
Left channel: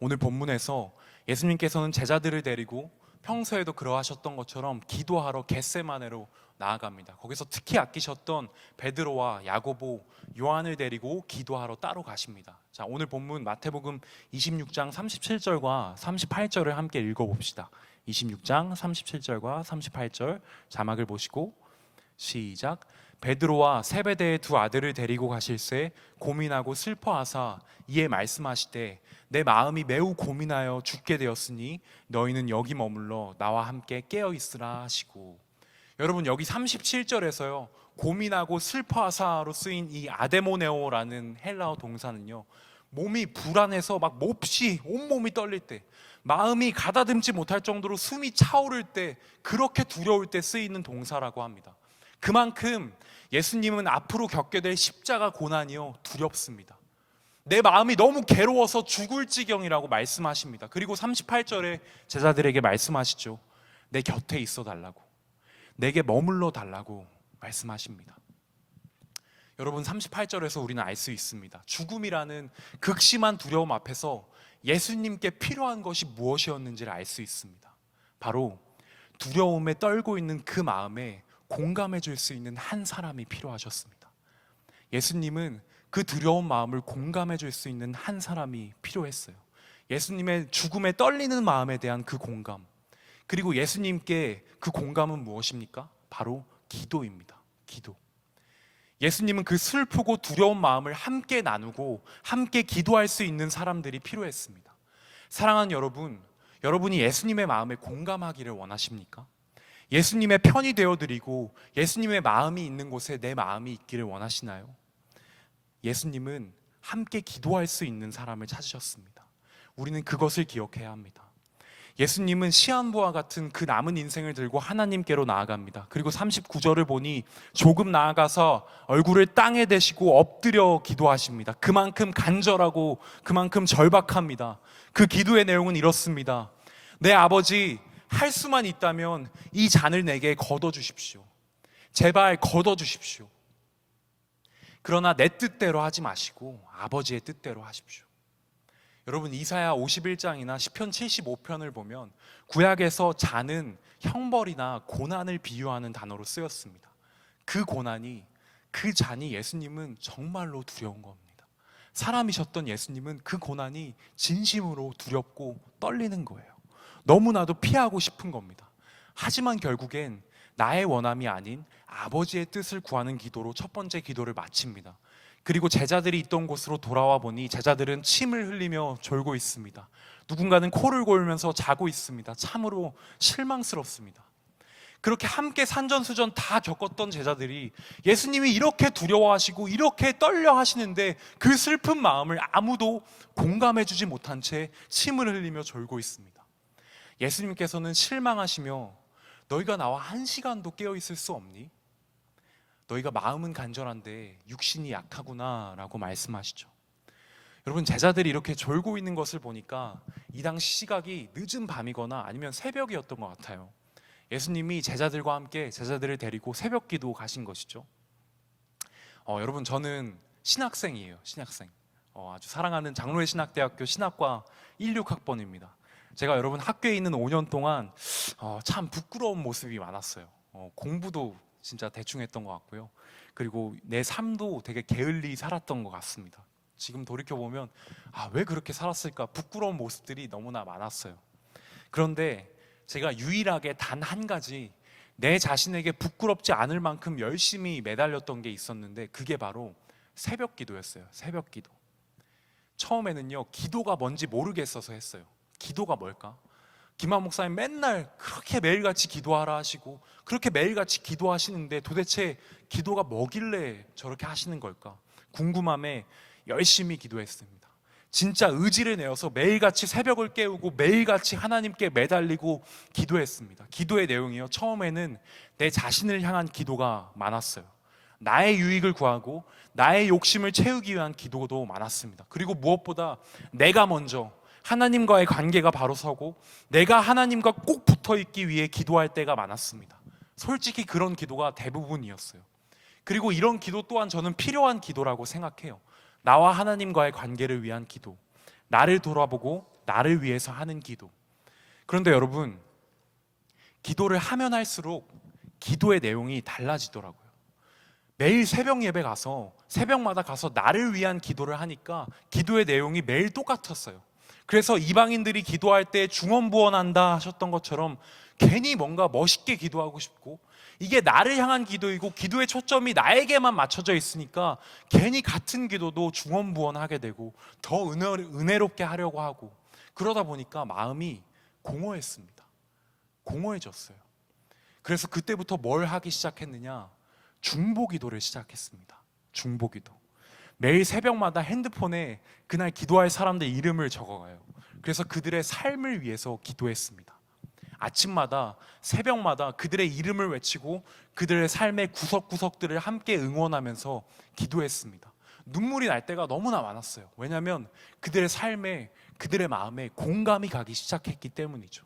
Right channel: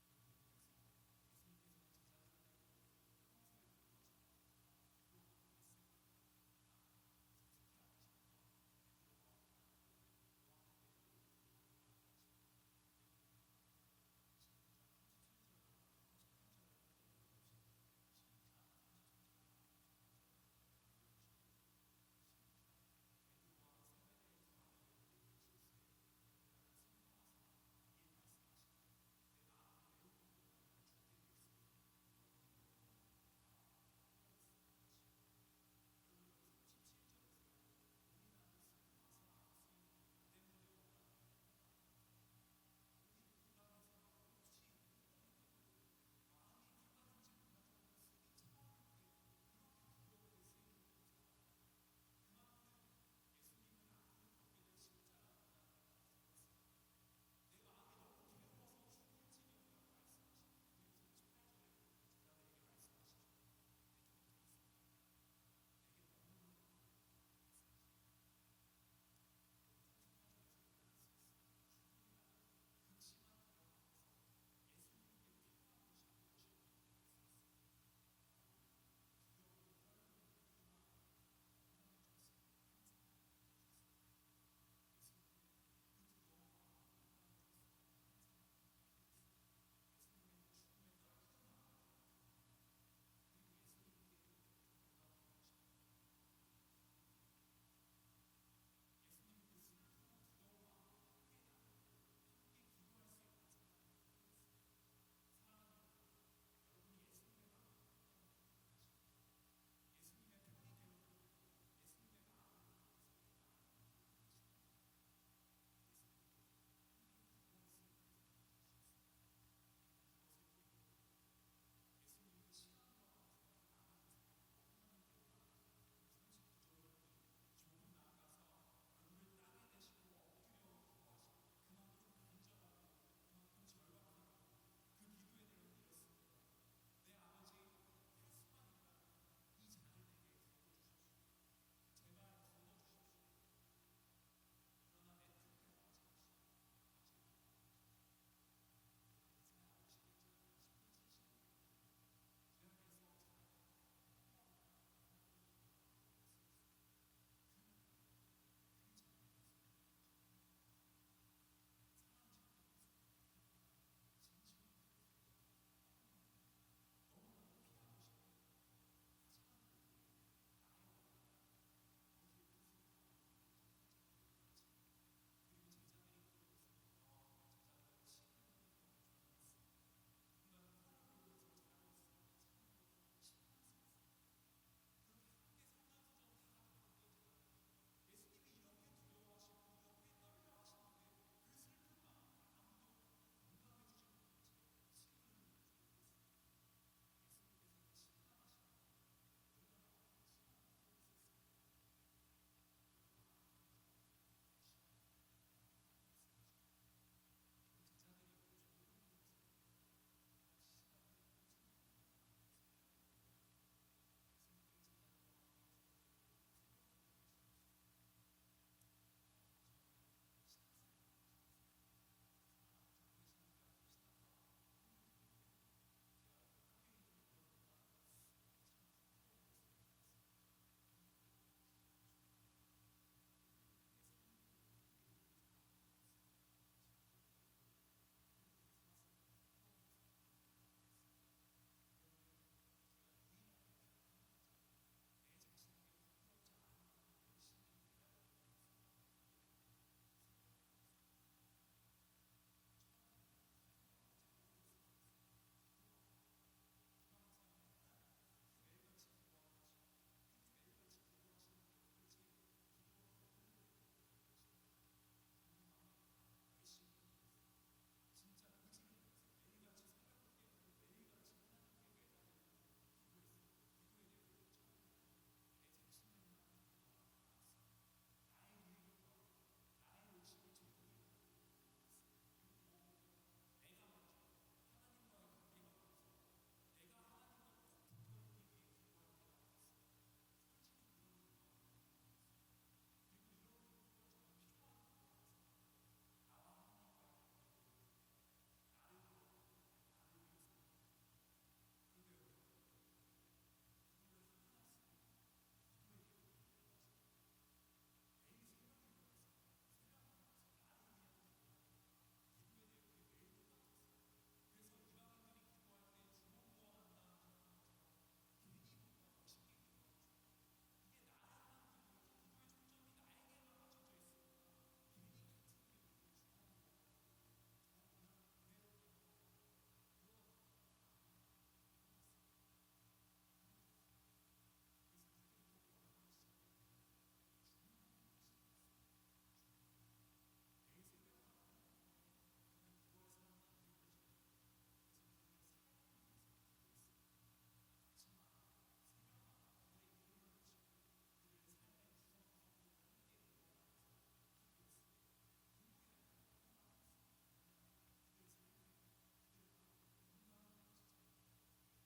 오늘 본문에서 예수님께서는 제자들을 데리고 평소에도 그러하셨던 것처럼 기도하러 겟세마네로 나아갑니다. 거기서 특히 아끼셨던 베드로와 야고보, 요한을 데리고 기도하러 따로 가십니다. 자, 오늘 본문 마태복음 26장 37절과 38절을 함께 읽어봅시다. 26장 37절과 38절 자막을 보시고 시작. 베드로와 세베대의 두 아들을 데리고 가실새 고민하고 슬퍼하사 이에 말씀하시되 내 마음이 매우 고민하여 죽게 되었으니 너희는 여기 머물러 나와 함께 깨어 있으라 하시고. 여러분, 여기 37절에서요 고민하고 슬퍼하사로 쓰인 이 아데모네오라는 헬라어 동사는요, 몸이 불안해서 막 몹시 온몸이 떨릴 때, 마음이 가다듬지 못할 정도로 숨이 차오를 때, 그렇게 두려울 때 쓰이는 동사라고 합니다. 그만큼 예수님은 앞으로 겪게 될 십자가 고난이요 두렵습니다. 내 마음이 너무 괴로워서 죽을 지경이라고 말씀하십니다. 그리고 38절에 제자들에게 말씀하시죠. 내 곁에 있어 달라고, 내게 머물러 달라고 말씀하십니다. 여러분, 38절에서 우리는 알 수 있습니다. 죽음이라는 극심한 두려움 앞에서 예수님께 필요한 것이 무엇이었는지를 알 수 있습니다. 바로 두려움에 떨고 있는 그 마음에 공감해 줄 수 있는 한 사람이 필요하셨습니다. 예수님은 그 두려운 마음을 공감해 줄 수 있는 한 사람이 필요했어요. 예수님의 죽음에 떨리는 마음에 대한 그 공감, 그리고 예수님께 그 공감은 무엇입니까? 바로 기도입니다. 기도. 예수님은 그 슬프고 두려운 마음을 함께 나누고 함께 기도할 수 있는 사람들이 필요했습니다. 사랑하는 여러분, 여러분이 예수님의 마음에 공감하기를 원하십니까? 예수님의 편이 되어드리고 예수님의 마음이 있는 곳에 내 마음이 있기를 원하시나요? 예수님은 함께 기도할 수 있는 사람을 찾으셨습니다. 우리는 그것을 기억해야 합니다. 예수님은 시한부와 같은 그 남은 인생을 들고 하나님께로 나아갑니다. 그리고 39절을 보니 조금 나아가서 얼굴을 땅에 대시고 엎드려 기도하십니다. 그만큼 간절하고 그만큼 절박합니다. 그 기도의 내용은 이렇습니다. 내 아버지, 할 수만 있다면 이 잔을 내게 거둬주십시오. 제발 거둬주십시오. 그러나 내 뜻대로 하지 마시고 아버지의 뜻대로 하십시오. 여러분, 이사야 51장이나 시편 75편을 보면 구약에서 잔은 형벌이나 고난을 비유하는 단어로 쓰였습니다. 그 고난이, 그 잔이 예수님은 정말로 두려운 겁니다. 사람이셨던 예수님은 그 고난이 진심으로 두렵고 떨리는 거예요. 너무나도 피하고 싶은 겁니다. 하지만 결국엔 나의 원함이 아닌 아버지의 뜻을 구하는 기도로 첫 번째 기도를 마칩니다. 그리고 제자들이 있던 곳으로 돌아와 보니 제자들은 침을 흘리며 졸고 있습니다. 누군가는 코를 골면서 자고 있습니다. 참으로 실망스럽습니다. 그렇게 함께 산전수전 다 겪었던 제자들이 예수님이 이렇게 두려워하시고 이렇게 떨려 하시는데 그 슬픈 마음을 아무도 공감해 주지 못한 채 침을 흘리며 졸고 있습니다. 예수님께서는 실망하시며 너희가 나와 1시간도 깨어 있을 수 없니? 너희가 마음은 간절한데 육신이 약하구나 라고 말씀하시죠. 여러분, 제자들이 이렇게 졸고 있는 것을 보니까 이 당시 시각이 늦은 밤이거나 아니면 새벽이었던 것 같아요. 예수님이 제자들과 함께 제자들을 데리고 새벽 기도 가신 것이죠. 여러분, 저는 신학생이에요. 신학생. 아주 사랑하는 장로회 신학대학교 신학과 16학번입니다. 제가 여러분 학교에 있는 5년 동안 참 부끄러운 모습이 많았어요. 공부도 진짜 대충 했던 것 같고요. 그리고 내 삶도 되게 게을리 살았던 것 같습니다. 지금 돌이켜보면 왜 그렇게 살았을까? 부끄러운 모습들이 너무나 많았어요. 그런데 제가 유일하게 단 한 가지 내 자신에게 부끄럽지 않을 만큼 열심히 매달렸던 게 있었는데 그게 바로 새벽 기도였어요. 새벽 기도. 처음에는요, 기도가 뭔지 모르겠어서 했어요. 기도가 뭘까? 김한 목사님 맨날 그렇게 매일같이 기도하라 하시고 그렇게 매일같이 기도하시는데 도대체 기도가 뭐길래 저렇게 하시는 걸까? 궁금함에 열심히 기도했습니다. 진짜 의지를 내어서 매일같이 새벽을 깨우고 매일같이 하나님께 매달리고 기도했습니다. 기도의 내용이요, 처음에는 내 자신을 향한 기도가 많았어요. 나의 유익을 구하고 나의 욕심을 채우기 위한 기도도 많았습니다. 그리고 무엇보다 내가 먼저 하나님과의 관계가 바로 서고 내가 하나님과 꼭 붙어 있기 위해 기도할 때가 많았습니다. 솔직히 그런 기도가 대부분이었어요. 그리고 이런 기도 또한 저는 필요한 기도라고 생각해요. 나와 하나님과의 관계를 위한 기도, 나를 돌아보고 나를 위해서 하는 기도. 그런데 여러분, 기도를 하면 할수록 기도의 내용이 달라지더라고요. 매일 새벽 예배 가서 새벽마다 가서 나를 위한 기도를 하니까 기도의 내용이 매일 똑같았어요. 그래서 이방인들이 기도할 때 중언부언한다 하셨던 것처럼 괜히 뭔가 멋있게 기도하고 싶고, 이게 나를 향한 기도이고 기도의 초점이 나에게만 맞춰져 있으니까 괜히 같은 기도도 중언부언하게 되고 더 은혜롭게 하려고 하고, 그러다 보니까 마음이 공허했습니다. 공허해졌어요. 그래서 그때부터 뭘 하기 시작했느냐? 중보기도를 시작했습니다. 중보기도. 매일 새벽마다 핸드폰에 그날 기도할 사람들 이름을 적어가요. 그래서 그들의 삶을 위해서 기도했습니다. 아침마다 새벽마다 그들의 이름을 외치고 그들의 삶의 구석구석들을 함께 응원하면서 기도했습니다. 눈물이 날 때가 너무나 많았어요. 왜냐하면 그들의 삶에, 그들의 마음에 공감이 가기 시작했기 때문이죠.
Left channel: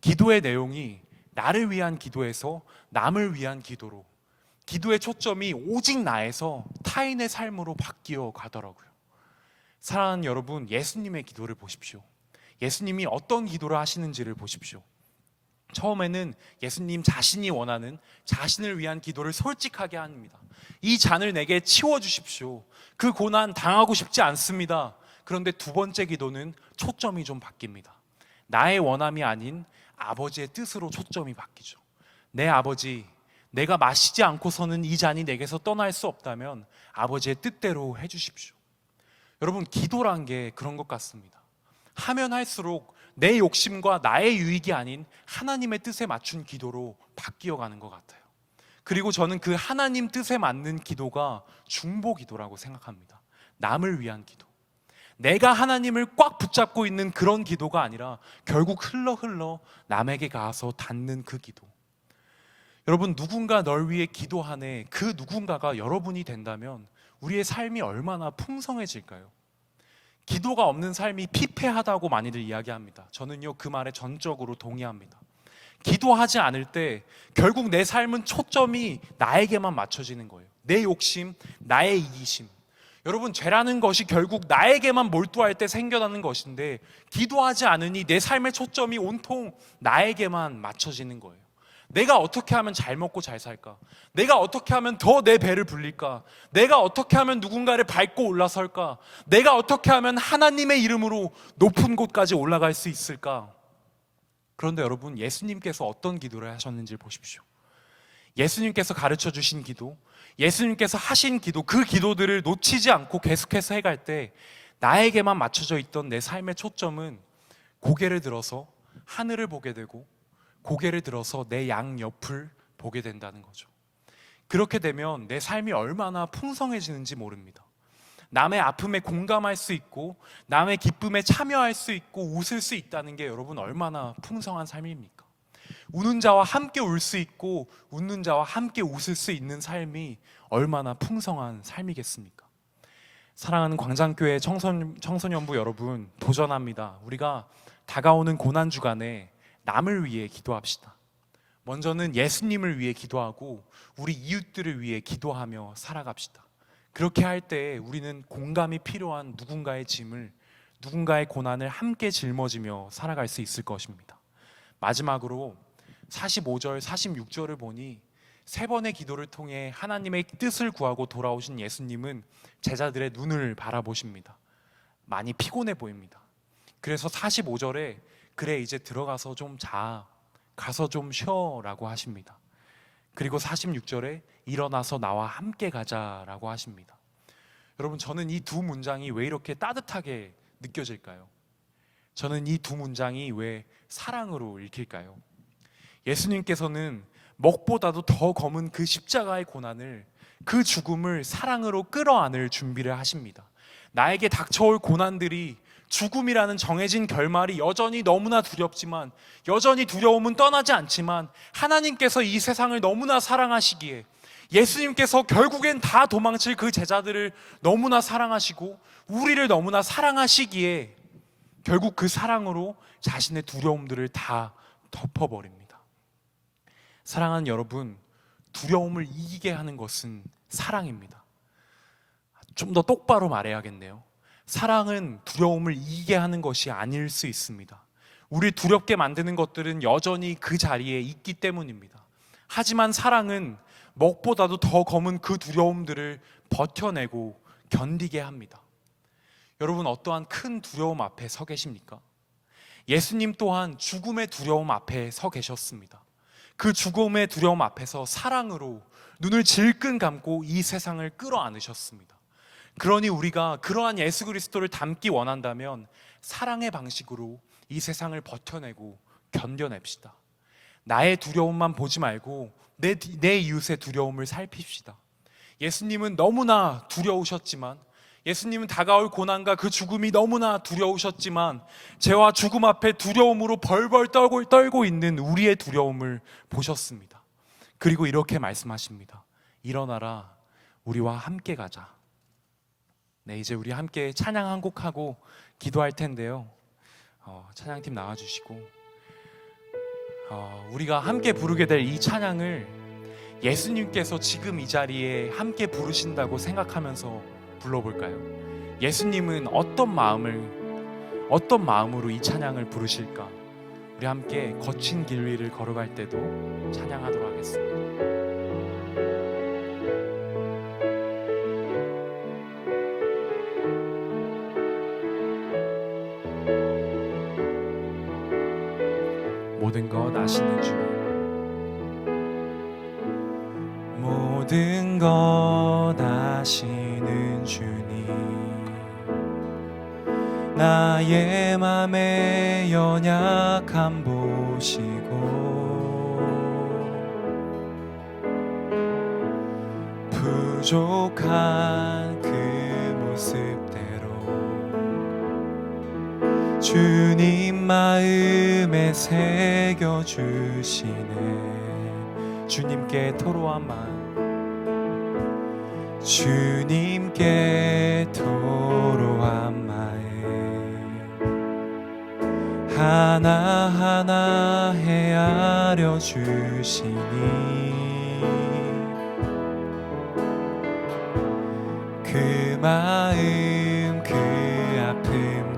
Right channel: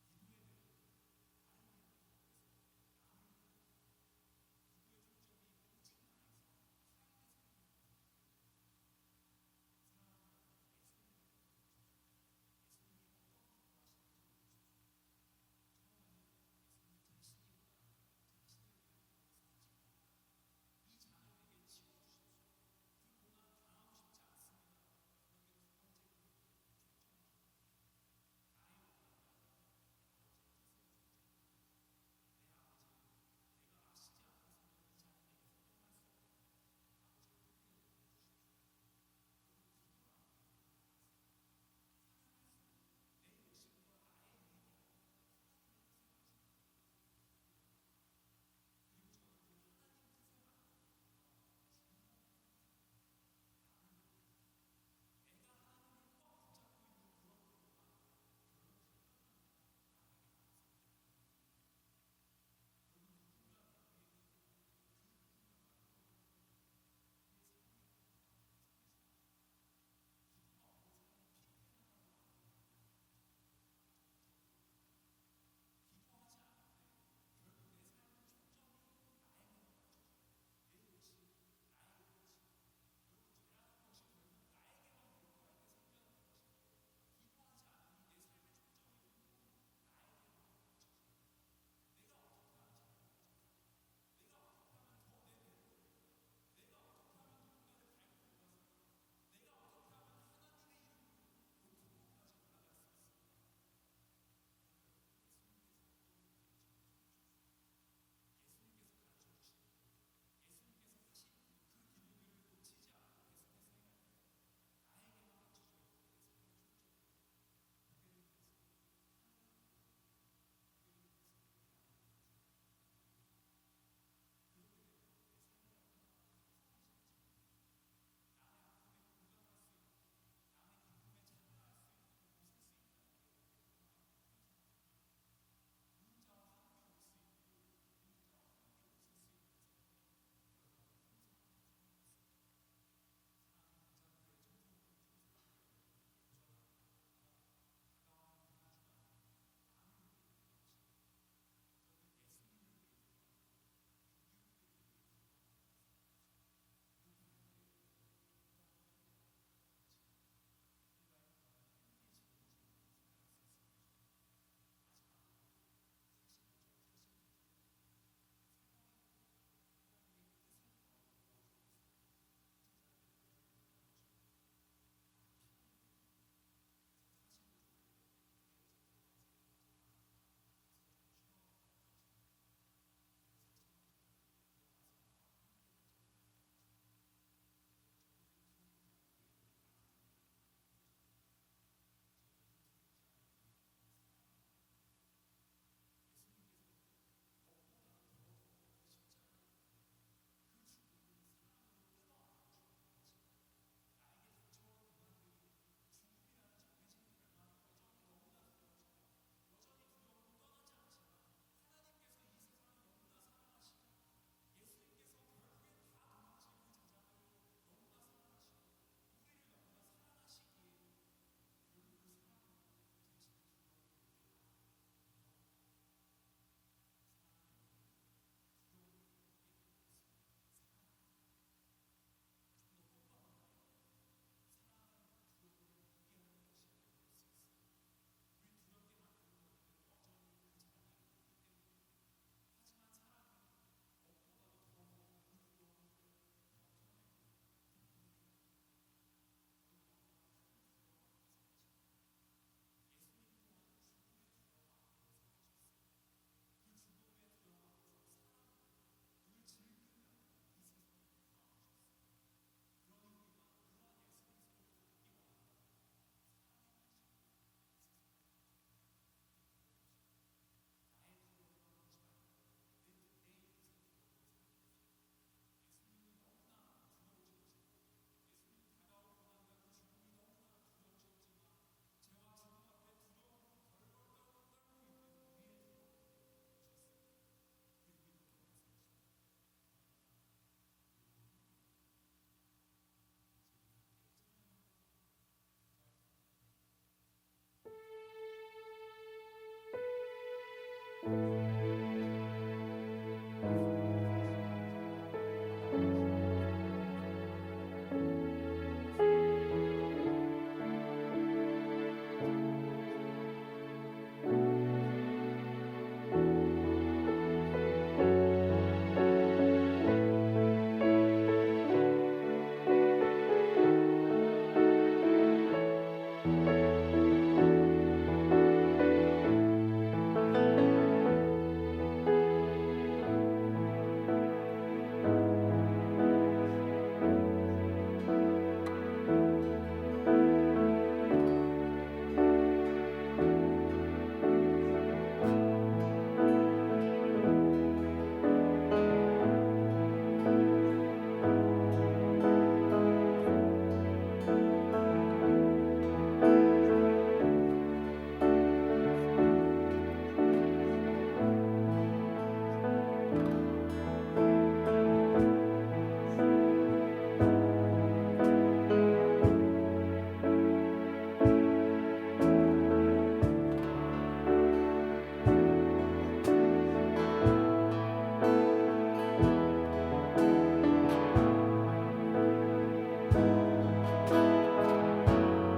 기도의 내용이 나를 위한 기도에서 남을 위한 기도로, 기도의 초점이 오직 나에서 타인의 삶으로 바뀌어 가더라고요. 사랑하는 여러분, 예수님의 기도를 보십시오. 예수님이 어떤 기도를 하시는지를 보십시오. 처음에는 예수님 자신이 원하는 자신을 위한 기도를 솔직하게 합니다. 이 잔을 내게 치워주십시오. 그 고난 당하고 싶지 않습니다. 그런데 두 번째 기도는 초점이 좀 바뀝니다. 나의 원함이 아닌 아버지의 뜻으로 초점이 바뀌죠. 내 아버지, 내가 마시지 않고서는 이 잔이 내게서 떠날 수 없다면 아버지의 뜻대로 해주십시오. 여러분, 기도란 게 그런 것 같습니다. 하면 할수록 내 욕심과 나의 유익이 아닌 하나님의 뜻에 맞춘 기도로 바뀌어가는 것 같아요. 그리고 저는 그 하나님 뜻에 맞는 기도가 중보기도라고 생각합니다. 남을 위한 기도. 내가 하나님을 꽉 붙잡고 있는 그런 기도가 아니라 결국 흘러 남에게 가서 닿는 그 기도. 여러분, 누군가 널 위해 기도하네, 그 누군가가 여러분이 된다면 우리의 삶이 얼마나 풍성해질까요? 기도가 없는 삶이 피폐하다고 많이들 이야기합니다. 저는요, 그 말에 전적으로 동의합니다. 기도하지 않을 때 결국 내 삶은 초점이 나에게만 맞춰지는 거예요. 내 욕심, 나의 이기심. 여러분, 죄라는 것이 결국 나에게만 몰두할 때 생겨나는 것인데 기도하지 않으니 내 삶의 초점이 온통 나에게만 맞춰지는 거예요. 내가 어떻게 하면 잘 먹고 잘 살까? 내가 어떻게 하면 더 내 배를 불릴까? 내가 어떻게 하면 누군가를 밟고 올라설까? 내가 어떻게 하면 하나님의 이름으로 높은 곳까지 올라갈 수 있을까? 그런데 여러분, 예수님께서 어떤 기도를 하셨는지 보십시오. 예수님께서 가르쳐 주신 기도, 예수님께서 하신 기도, 그 기도들을 놓치지 않고 계속해서 해갈 때 나에게만 맞춰져 있던 내 삶의 초점은 고개를 들어서 하늘을 보게 되고 고개를 들어서 내 양옆을 보게 된다는 거죠. 그렇게 되면 내 삶이 얼마나 풍성해지는지 모릅니다. 남의 아픔에 공감할 수 있고 남의 기쁨에 참여할 수 있고 웃을 수 있다는 게 여러분 얼마나 풍성한 삶입니까? 우는 자와 함께 울 수 있고 웃는 자와 함께 웃을 수 있는 삶이 얼마나 풍성한 삶이겠습니까? 사랑하는 광장교회 청소년부 여러분, 도전합니다. 우리가 다가오는 고난주간에 남을 위해 기도합시다. 먼저는 예수님을 위해 기도하고 우리 이웃들을 위해 기도하며 살아갑시다. 그렇게 할 때 우리는 공감이 필요한 누군가의 짐을, 누군가의 고난을 함께 짊어지며 살아갈 수 있을 것입니다. 마지막으로 45절, 46절을 보니 세 번의 기도를 통해 하나님의 뜻을 구하고 돌아오신 예수님은 제자들의 눈을 바라보십니다. 많이 피곤해 보입니다. 그래서 45절에 그래 이제 들어가서 좀 자, 가서 좀 쉬어라고 하십니다. 그리고 46절에 일어나서 나와 함께 가자라고 하십니다. 여러분, 저는 이 두 문장이 왜 이렇게 따뜻하게 느껴질까요? 저는 이 두 문장이 왜 사랑으로 읽힐까요? 예수님께서는 먹보다도 더 검은 그 십자가의 고난을, 그 죽음을 사랑으로 끌어안을 준비를 하십니다. 나에게 닥쳐올 고난들이, 죽음이라는 정해진 결말이 여전히 너무나 두렵지만, 여전히 두려움은 떠나지 않지만 하나님께서 이 세상을 너무나 사랑하시기에, 예수님께서 결국엔 다 도망칠 그 제자들을 너무나 사랑하시고 우리를 너무나 사랑하시기에 결국 그 사랑으로 자신의 두려움들을 다 덮어버립니다. 사랑하는 여러분, 두려움을 이기게 하는 것은 사랑입니다. 좀 더 똑바로 말해야겠네요. 사랑은 두려움을 이기게 하는 것이 아닐 수 있습니다. 우리 두렵게 만드는 것들은 여전히 그 자리에 있기 때문입니다. 하지만 사랑은 먹보다도 더 검은 그 두려움들을 버텨내고 견디게 합니다. 여러분, 어떠한 큰 두려움 앞에 서 계십니까? 예수님 또한 죽음의 두려움 앞에 서 계셨습니다. 그 죽음의 두려움 앞에서 사랑으로 눈을 질끈 감고 이 세상을 끌어안으셨습니다. 그러니 우리가 그러한 예수 그리스도를 닮기 원한다면 사랑의 방식으로 이 세상을 버텨내고 견뎌냅시다. 나의 두려움만 보지 말고 내 이웃의 두려움을 살핍시다. 예수님은 너무나 두려우셨지만, 예수님은 다가올 고난과 그 죽음이 너무나 두려우셨지만 죄와 죽음 앞에 두려움으로 벌벌 떨고 있는 우리의 두려움을 보셨습니다. 그리고 이렇게 말씀하십니다. 일어나라, 우리와 함께 가자. 네, 이제 우리 함께 찬양 한 곡 하고 기도할 텐데요. 찬양팀 나와주시고, 우리가 함께 부르게 될 이 찬양을 예수님께서 지금 이 자리에 함께 부르신다고 생각하면서 불러볼까요? 예수님은 어떤 마음으로 이 찬양을 부르실까? 우리 함께 거친 길 위를 걸어갈 때도 찬양하도록 하겠습니다. 모든 것 아시는 주님, 모든 것 아시는 주님, 나의 맘의 연약함 보시고 부족한 그 모습대로 주님 마음에 새겨주시네. 주님께 토로한 마음, 주님께 토로한 마음 하나하나 헤아려 주시니 그 마음 그 아픔들을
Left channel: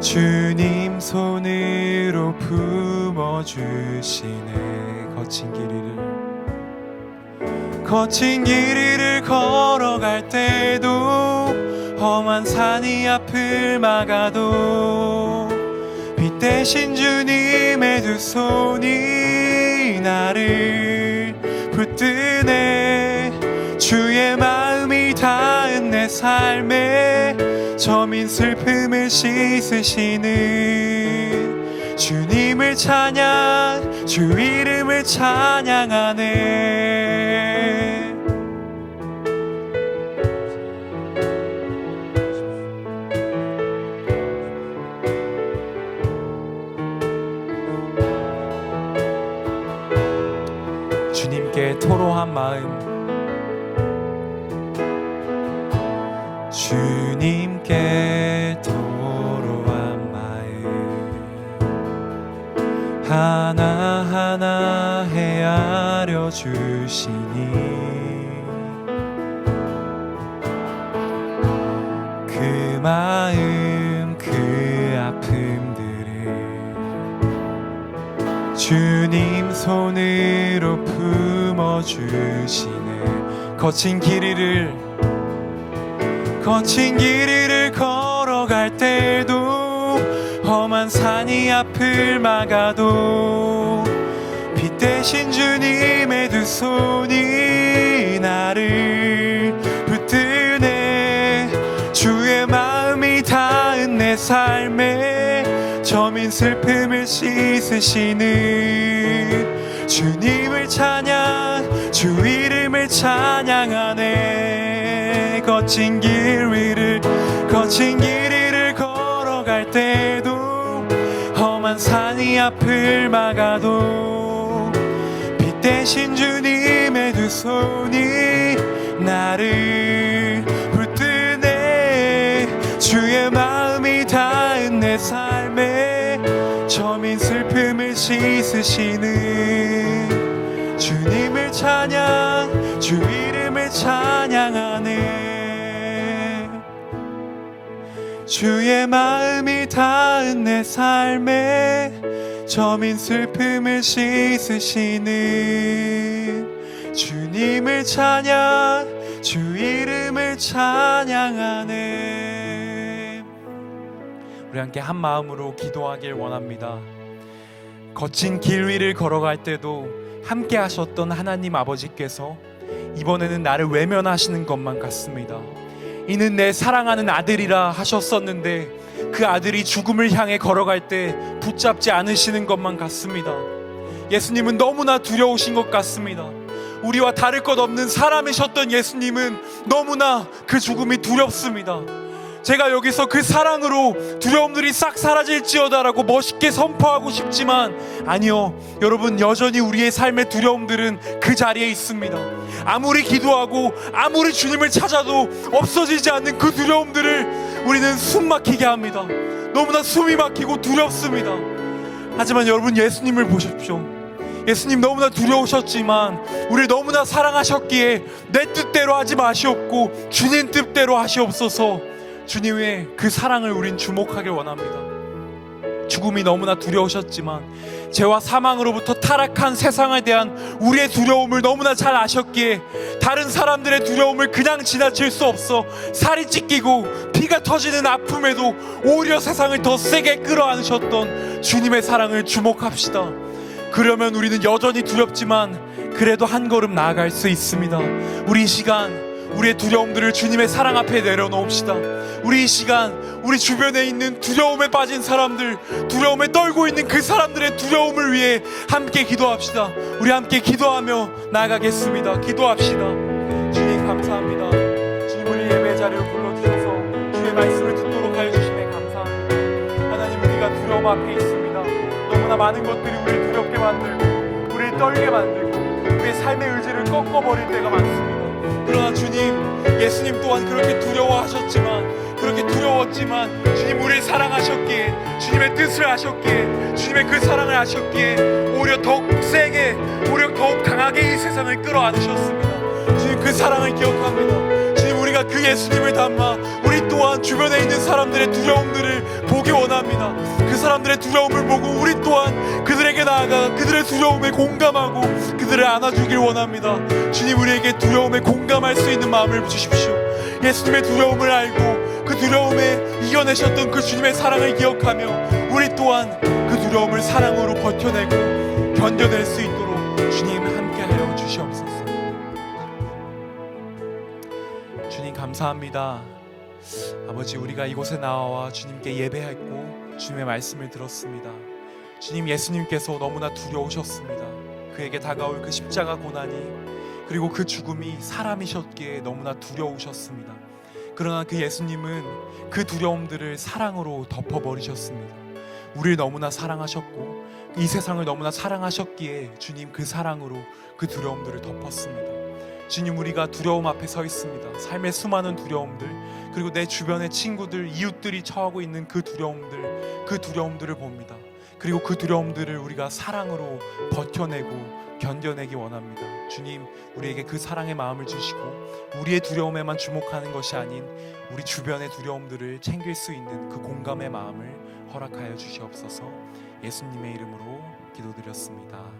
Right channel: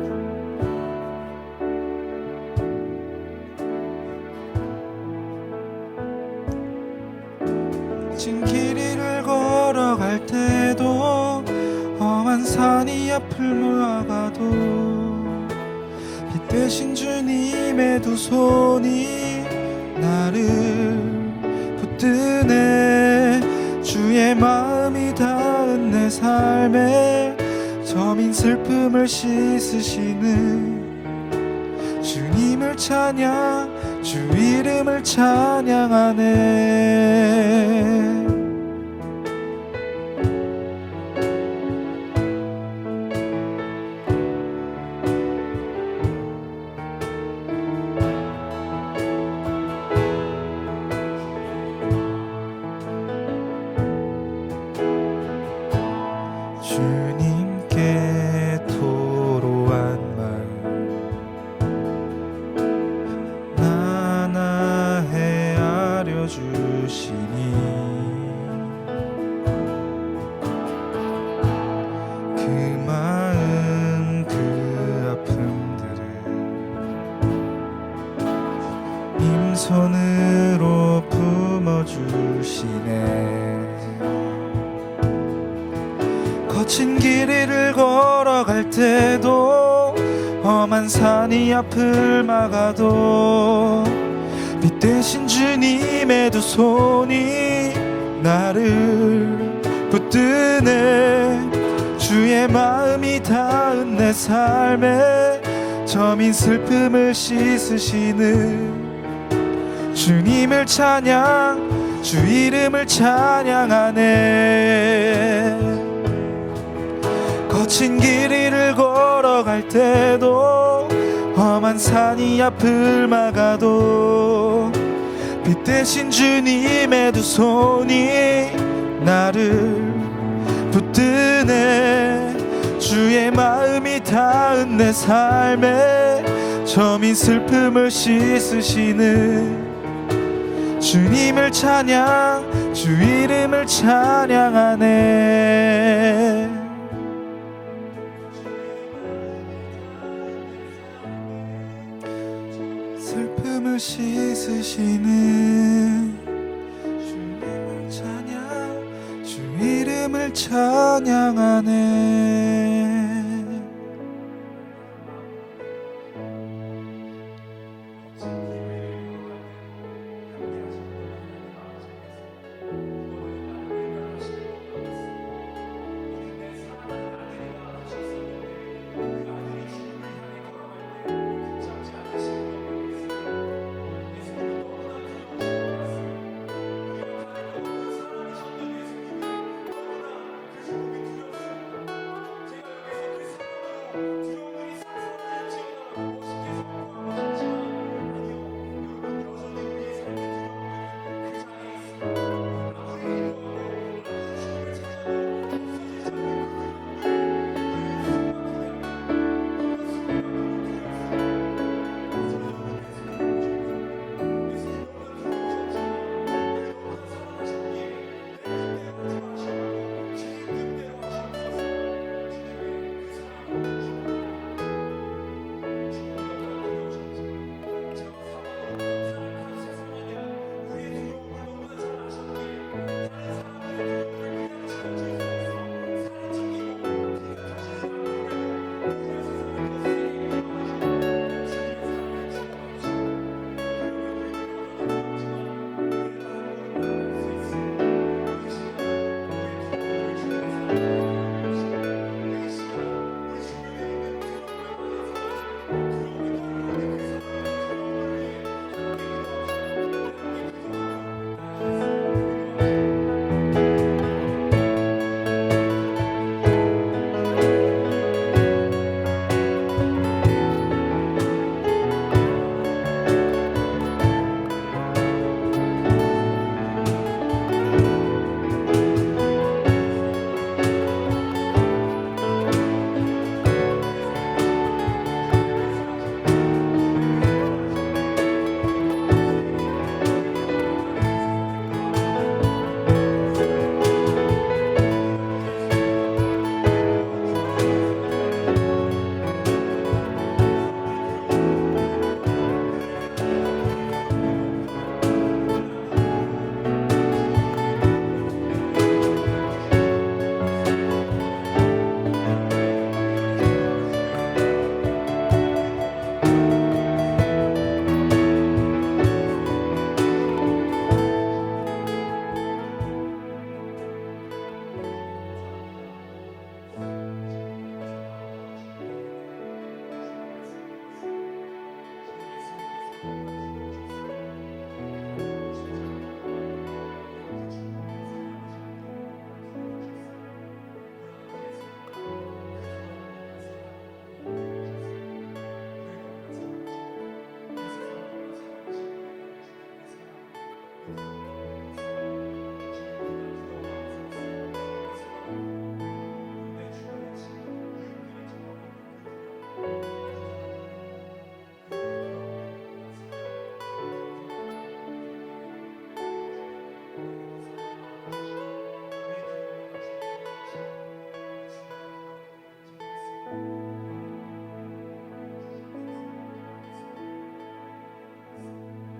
주님 손으로 품어주시네. 거친 길 위를 걸어갈 때도 험한 산이 앞을 막아도 빛 대신 주님의 두 손이 나를 붙드네. 주의 마음이 닿은 내 삶에 저민 슬픔을 씻으시는 주님을 찬양, 주 이름을 찬양하네. 주님께 토로한 마음, 주님께 토로한 마음 하나하나 헤아려 주시니 그 마음 그 아픔들을 주님 손으로 품어주시네. 거친 길 위를 걸어갈 때도 험한 산이 앞을 막아도 빛 대신 주님의 두 손이 나를 붙드네. 주의 마음이 닿은 내 삶에 저민 슬픔을 씻으시는 주님을 찬양, 주 이름을 찬양하네. 거친 길 위를 걸어갈 때도 험한 산이 앞을 막아도 빛 대신 주님의 두 손이 나를 붙드네. 주의 마음이 닿은 내 삶에 저민 슬픔을 씻으시는 주님을 찬양, 주 이름을 찬양하네. 주의 마음이 닿은 내 삶에 저민 슬픔을 씻으시는 주님을 찬양, 주 이름을 찬양하네. 우리 함께 한 마음으로 기도하길 원합니다. 거친 길 위를 걸어갈 때도 함께 하셨던 하나님 아버지께서 이번에는 나를 외면하시는 것만 같습니다. 이는 내 사랑하는 아들이라 하셨었는데 그 아들이 죽음을 향해 걸어갈 때 붙잡지 않으시는 것만 같습니다. 예수님은 너무나 두려우신 것 같습니다. 우리와 다를 것 없는 사람이셨던 예수님은 너무나 그 죽음이 두렵습니다. 제가 여기서 그 사랑으로 두려움들이 싹 사라질지어다라고 멋있게 선포하고 싶지만 아니요, 여러분, 여전히 우리의 삶의 두려움들은 그 자리에 있습니다. 아무리 기도하고 아무리 주님을 찾아도 없어지지 않는 그 두려움들을 우리는 숨 막히게 합니다. 너무나 숨이 막히고 두렵습니다. 하지만 여러분, 예수님을 보십시오. 예수님 너무나 두려우셨지만 우리를 너무나 사랑하셨기에 내 뜻대로 하지 마시옵고 주님 뜻대로 하시옵소서. 주님의 그 사랑을 우린 주목하길 원합니다. 죽음이 너무나 두려우셨지만 죄와 사망으로부터 타락한 세상에 대한 우리의 두려움을 너무나 잘 아셨기에 다른 사람들의 두려움을 그냥 지나칠 수 없어 살이 찢기고 피가 터지는 아픔에도 오히려 세상을 더 세게 끌어안으셨던 주님의 사랑을 주목합시다. 그러면 우리는 여전히 두렵지만 그래도 한 걸음 나아갈 수 있습니다. 우리 이 시간 우리의 두려움들을 주님의 사랑 앞에 내려놓읍시다. 우리 이 시간 우리 주변에 있는 두려움에 빠진 사람들, 두려움에 떨고 있는 그 사람들의 두려움을 위해 함께 기도합시다. 우리 함께 기도하며 나아가겠습니다. 기도합시다. 주님 감사합니다. 주님 우리 예배 자리로 불러주셔서 주의 말씀을 듣도록 하여 주시네 감사합니다. 하나님, 우리가 두려움 앞에 있습니다. 너무나 많은 것들이 우리를 두렵게 만들고 우리를 떨게 만들고 우리의 삶의 의지를 꺾어버릴 때가 많습니다. 그러나 주님, 예수님 또한 그렇게 두려워하셨지만, 그렇게 두려웠지만 주님 우리를 사랑하셨기에, 주님의 뜻을 하셨기에, 주님의 그 사랑을 하셨기에 오히려 더욱 세게, 오히려 더욱 강하게 이 세상을 끌어안으셨습니다. 주님 그 사랑을 기억합니다. 주님, 우리가 그 예수님을 담아 우리 또한 주변에 있는 사람들의 두려움들을 보기 원합니다. 그 사람들의 두려움을 보고 우리 또한 그들에게 나아가 그들의 두려움에 공감하고 그들을 안아주길 원합니다. 주님, 우리에게 두려움에 공감할 수 있는 마음을 주십시오. 예수님의 두려움을 알고 그 두려움에 이겨내셨던 그 주님의 사랑을 기억하며 우리 또한 그 두려움을 사랑으로 버텨내고 견뎌낼 수 있도록 아버지, 우리가 이곳에 나와 주님께 예배했고 주님의 말씀을 들었습니다. 주님, 예수님께서 너무나 두려우셨습니다. 그에게 다가올 그 십자가 고난이, 그리고 그 죽음이 사람이셨기에 너무나 두려우셨습니다. 그러나 그 예수님은 그 두려움들을 사랑으로 덮어버리셨습니다. 우리를 너무나 사랑하셨고 이 세상을 너무나 사랑하셨기에 주님 그 사랑으로 그 두려움들을 덮었습니다. 주님, 우리가 두려움 앞에 서 있습니다. 삶의 수많은 두려움들, 그리고 내 주변의 친구들, 이웃들이 처하고 있는 그 두려움들을 봅니다. 그리고 그 두려움들을 우리가 사랑으로 버텨내고 견뎌내기 원합니다. 주님, 우리에게 그 사랑의 마음을 주시고 우리의 두려움에만 주목하는 것이 아닌 우리 주변의 두려움들을 챙길 수 있는 그 공감의 마음을 허락하여 주시옵소서. 예수님의 이름으로 기도드렸습니다.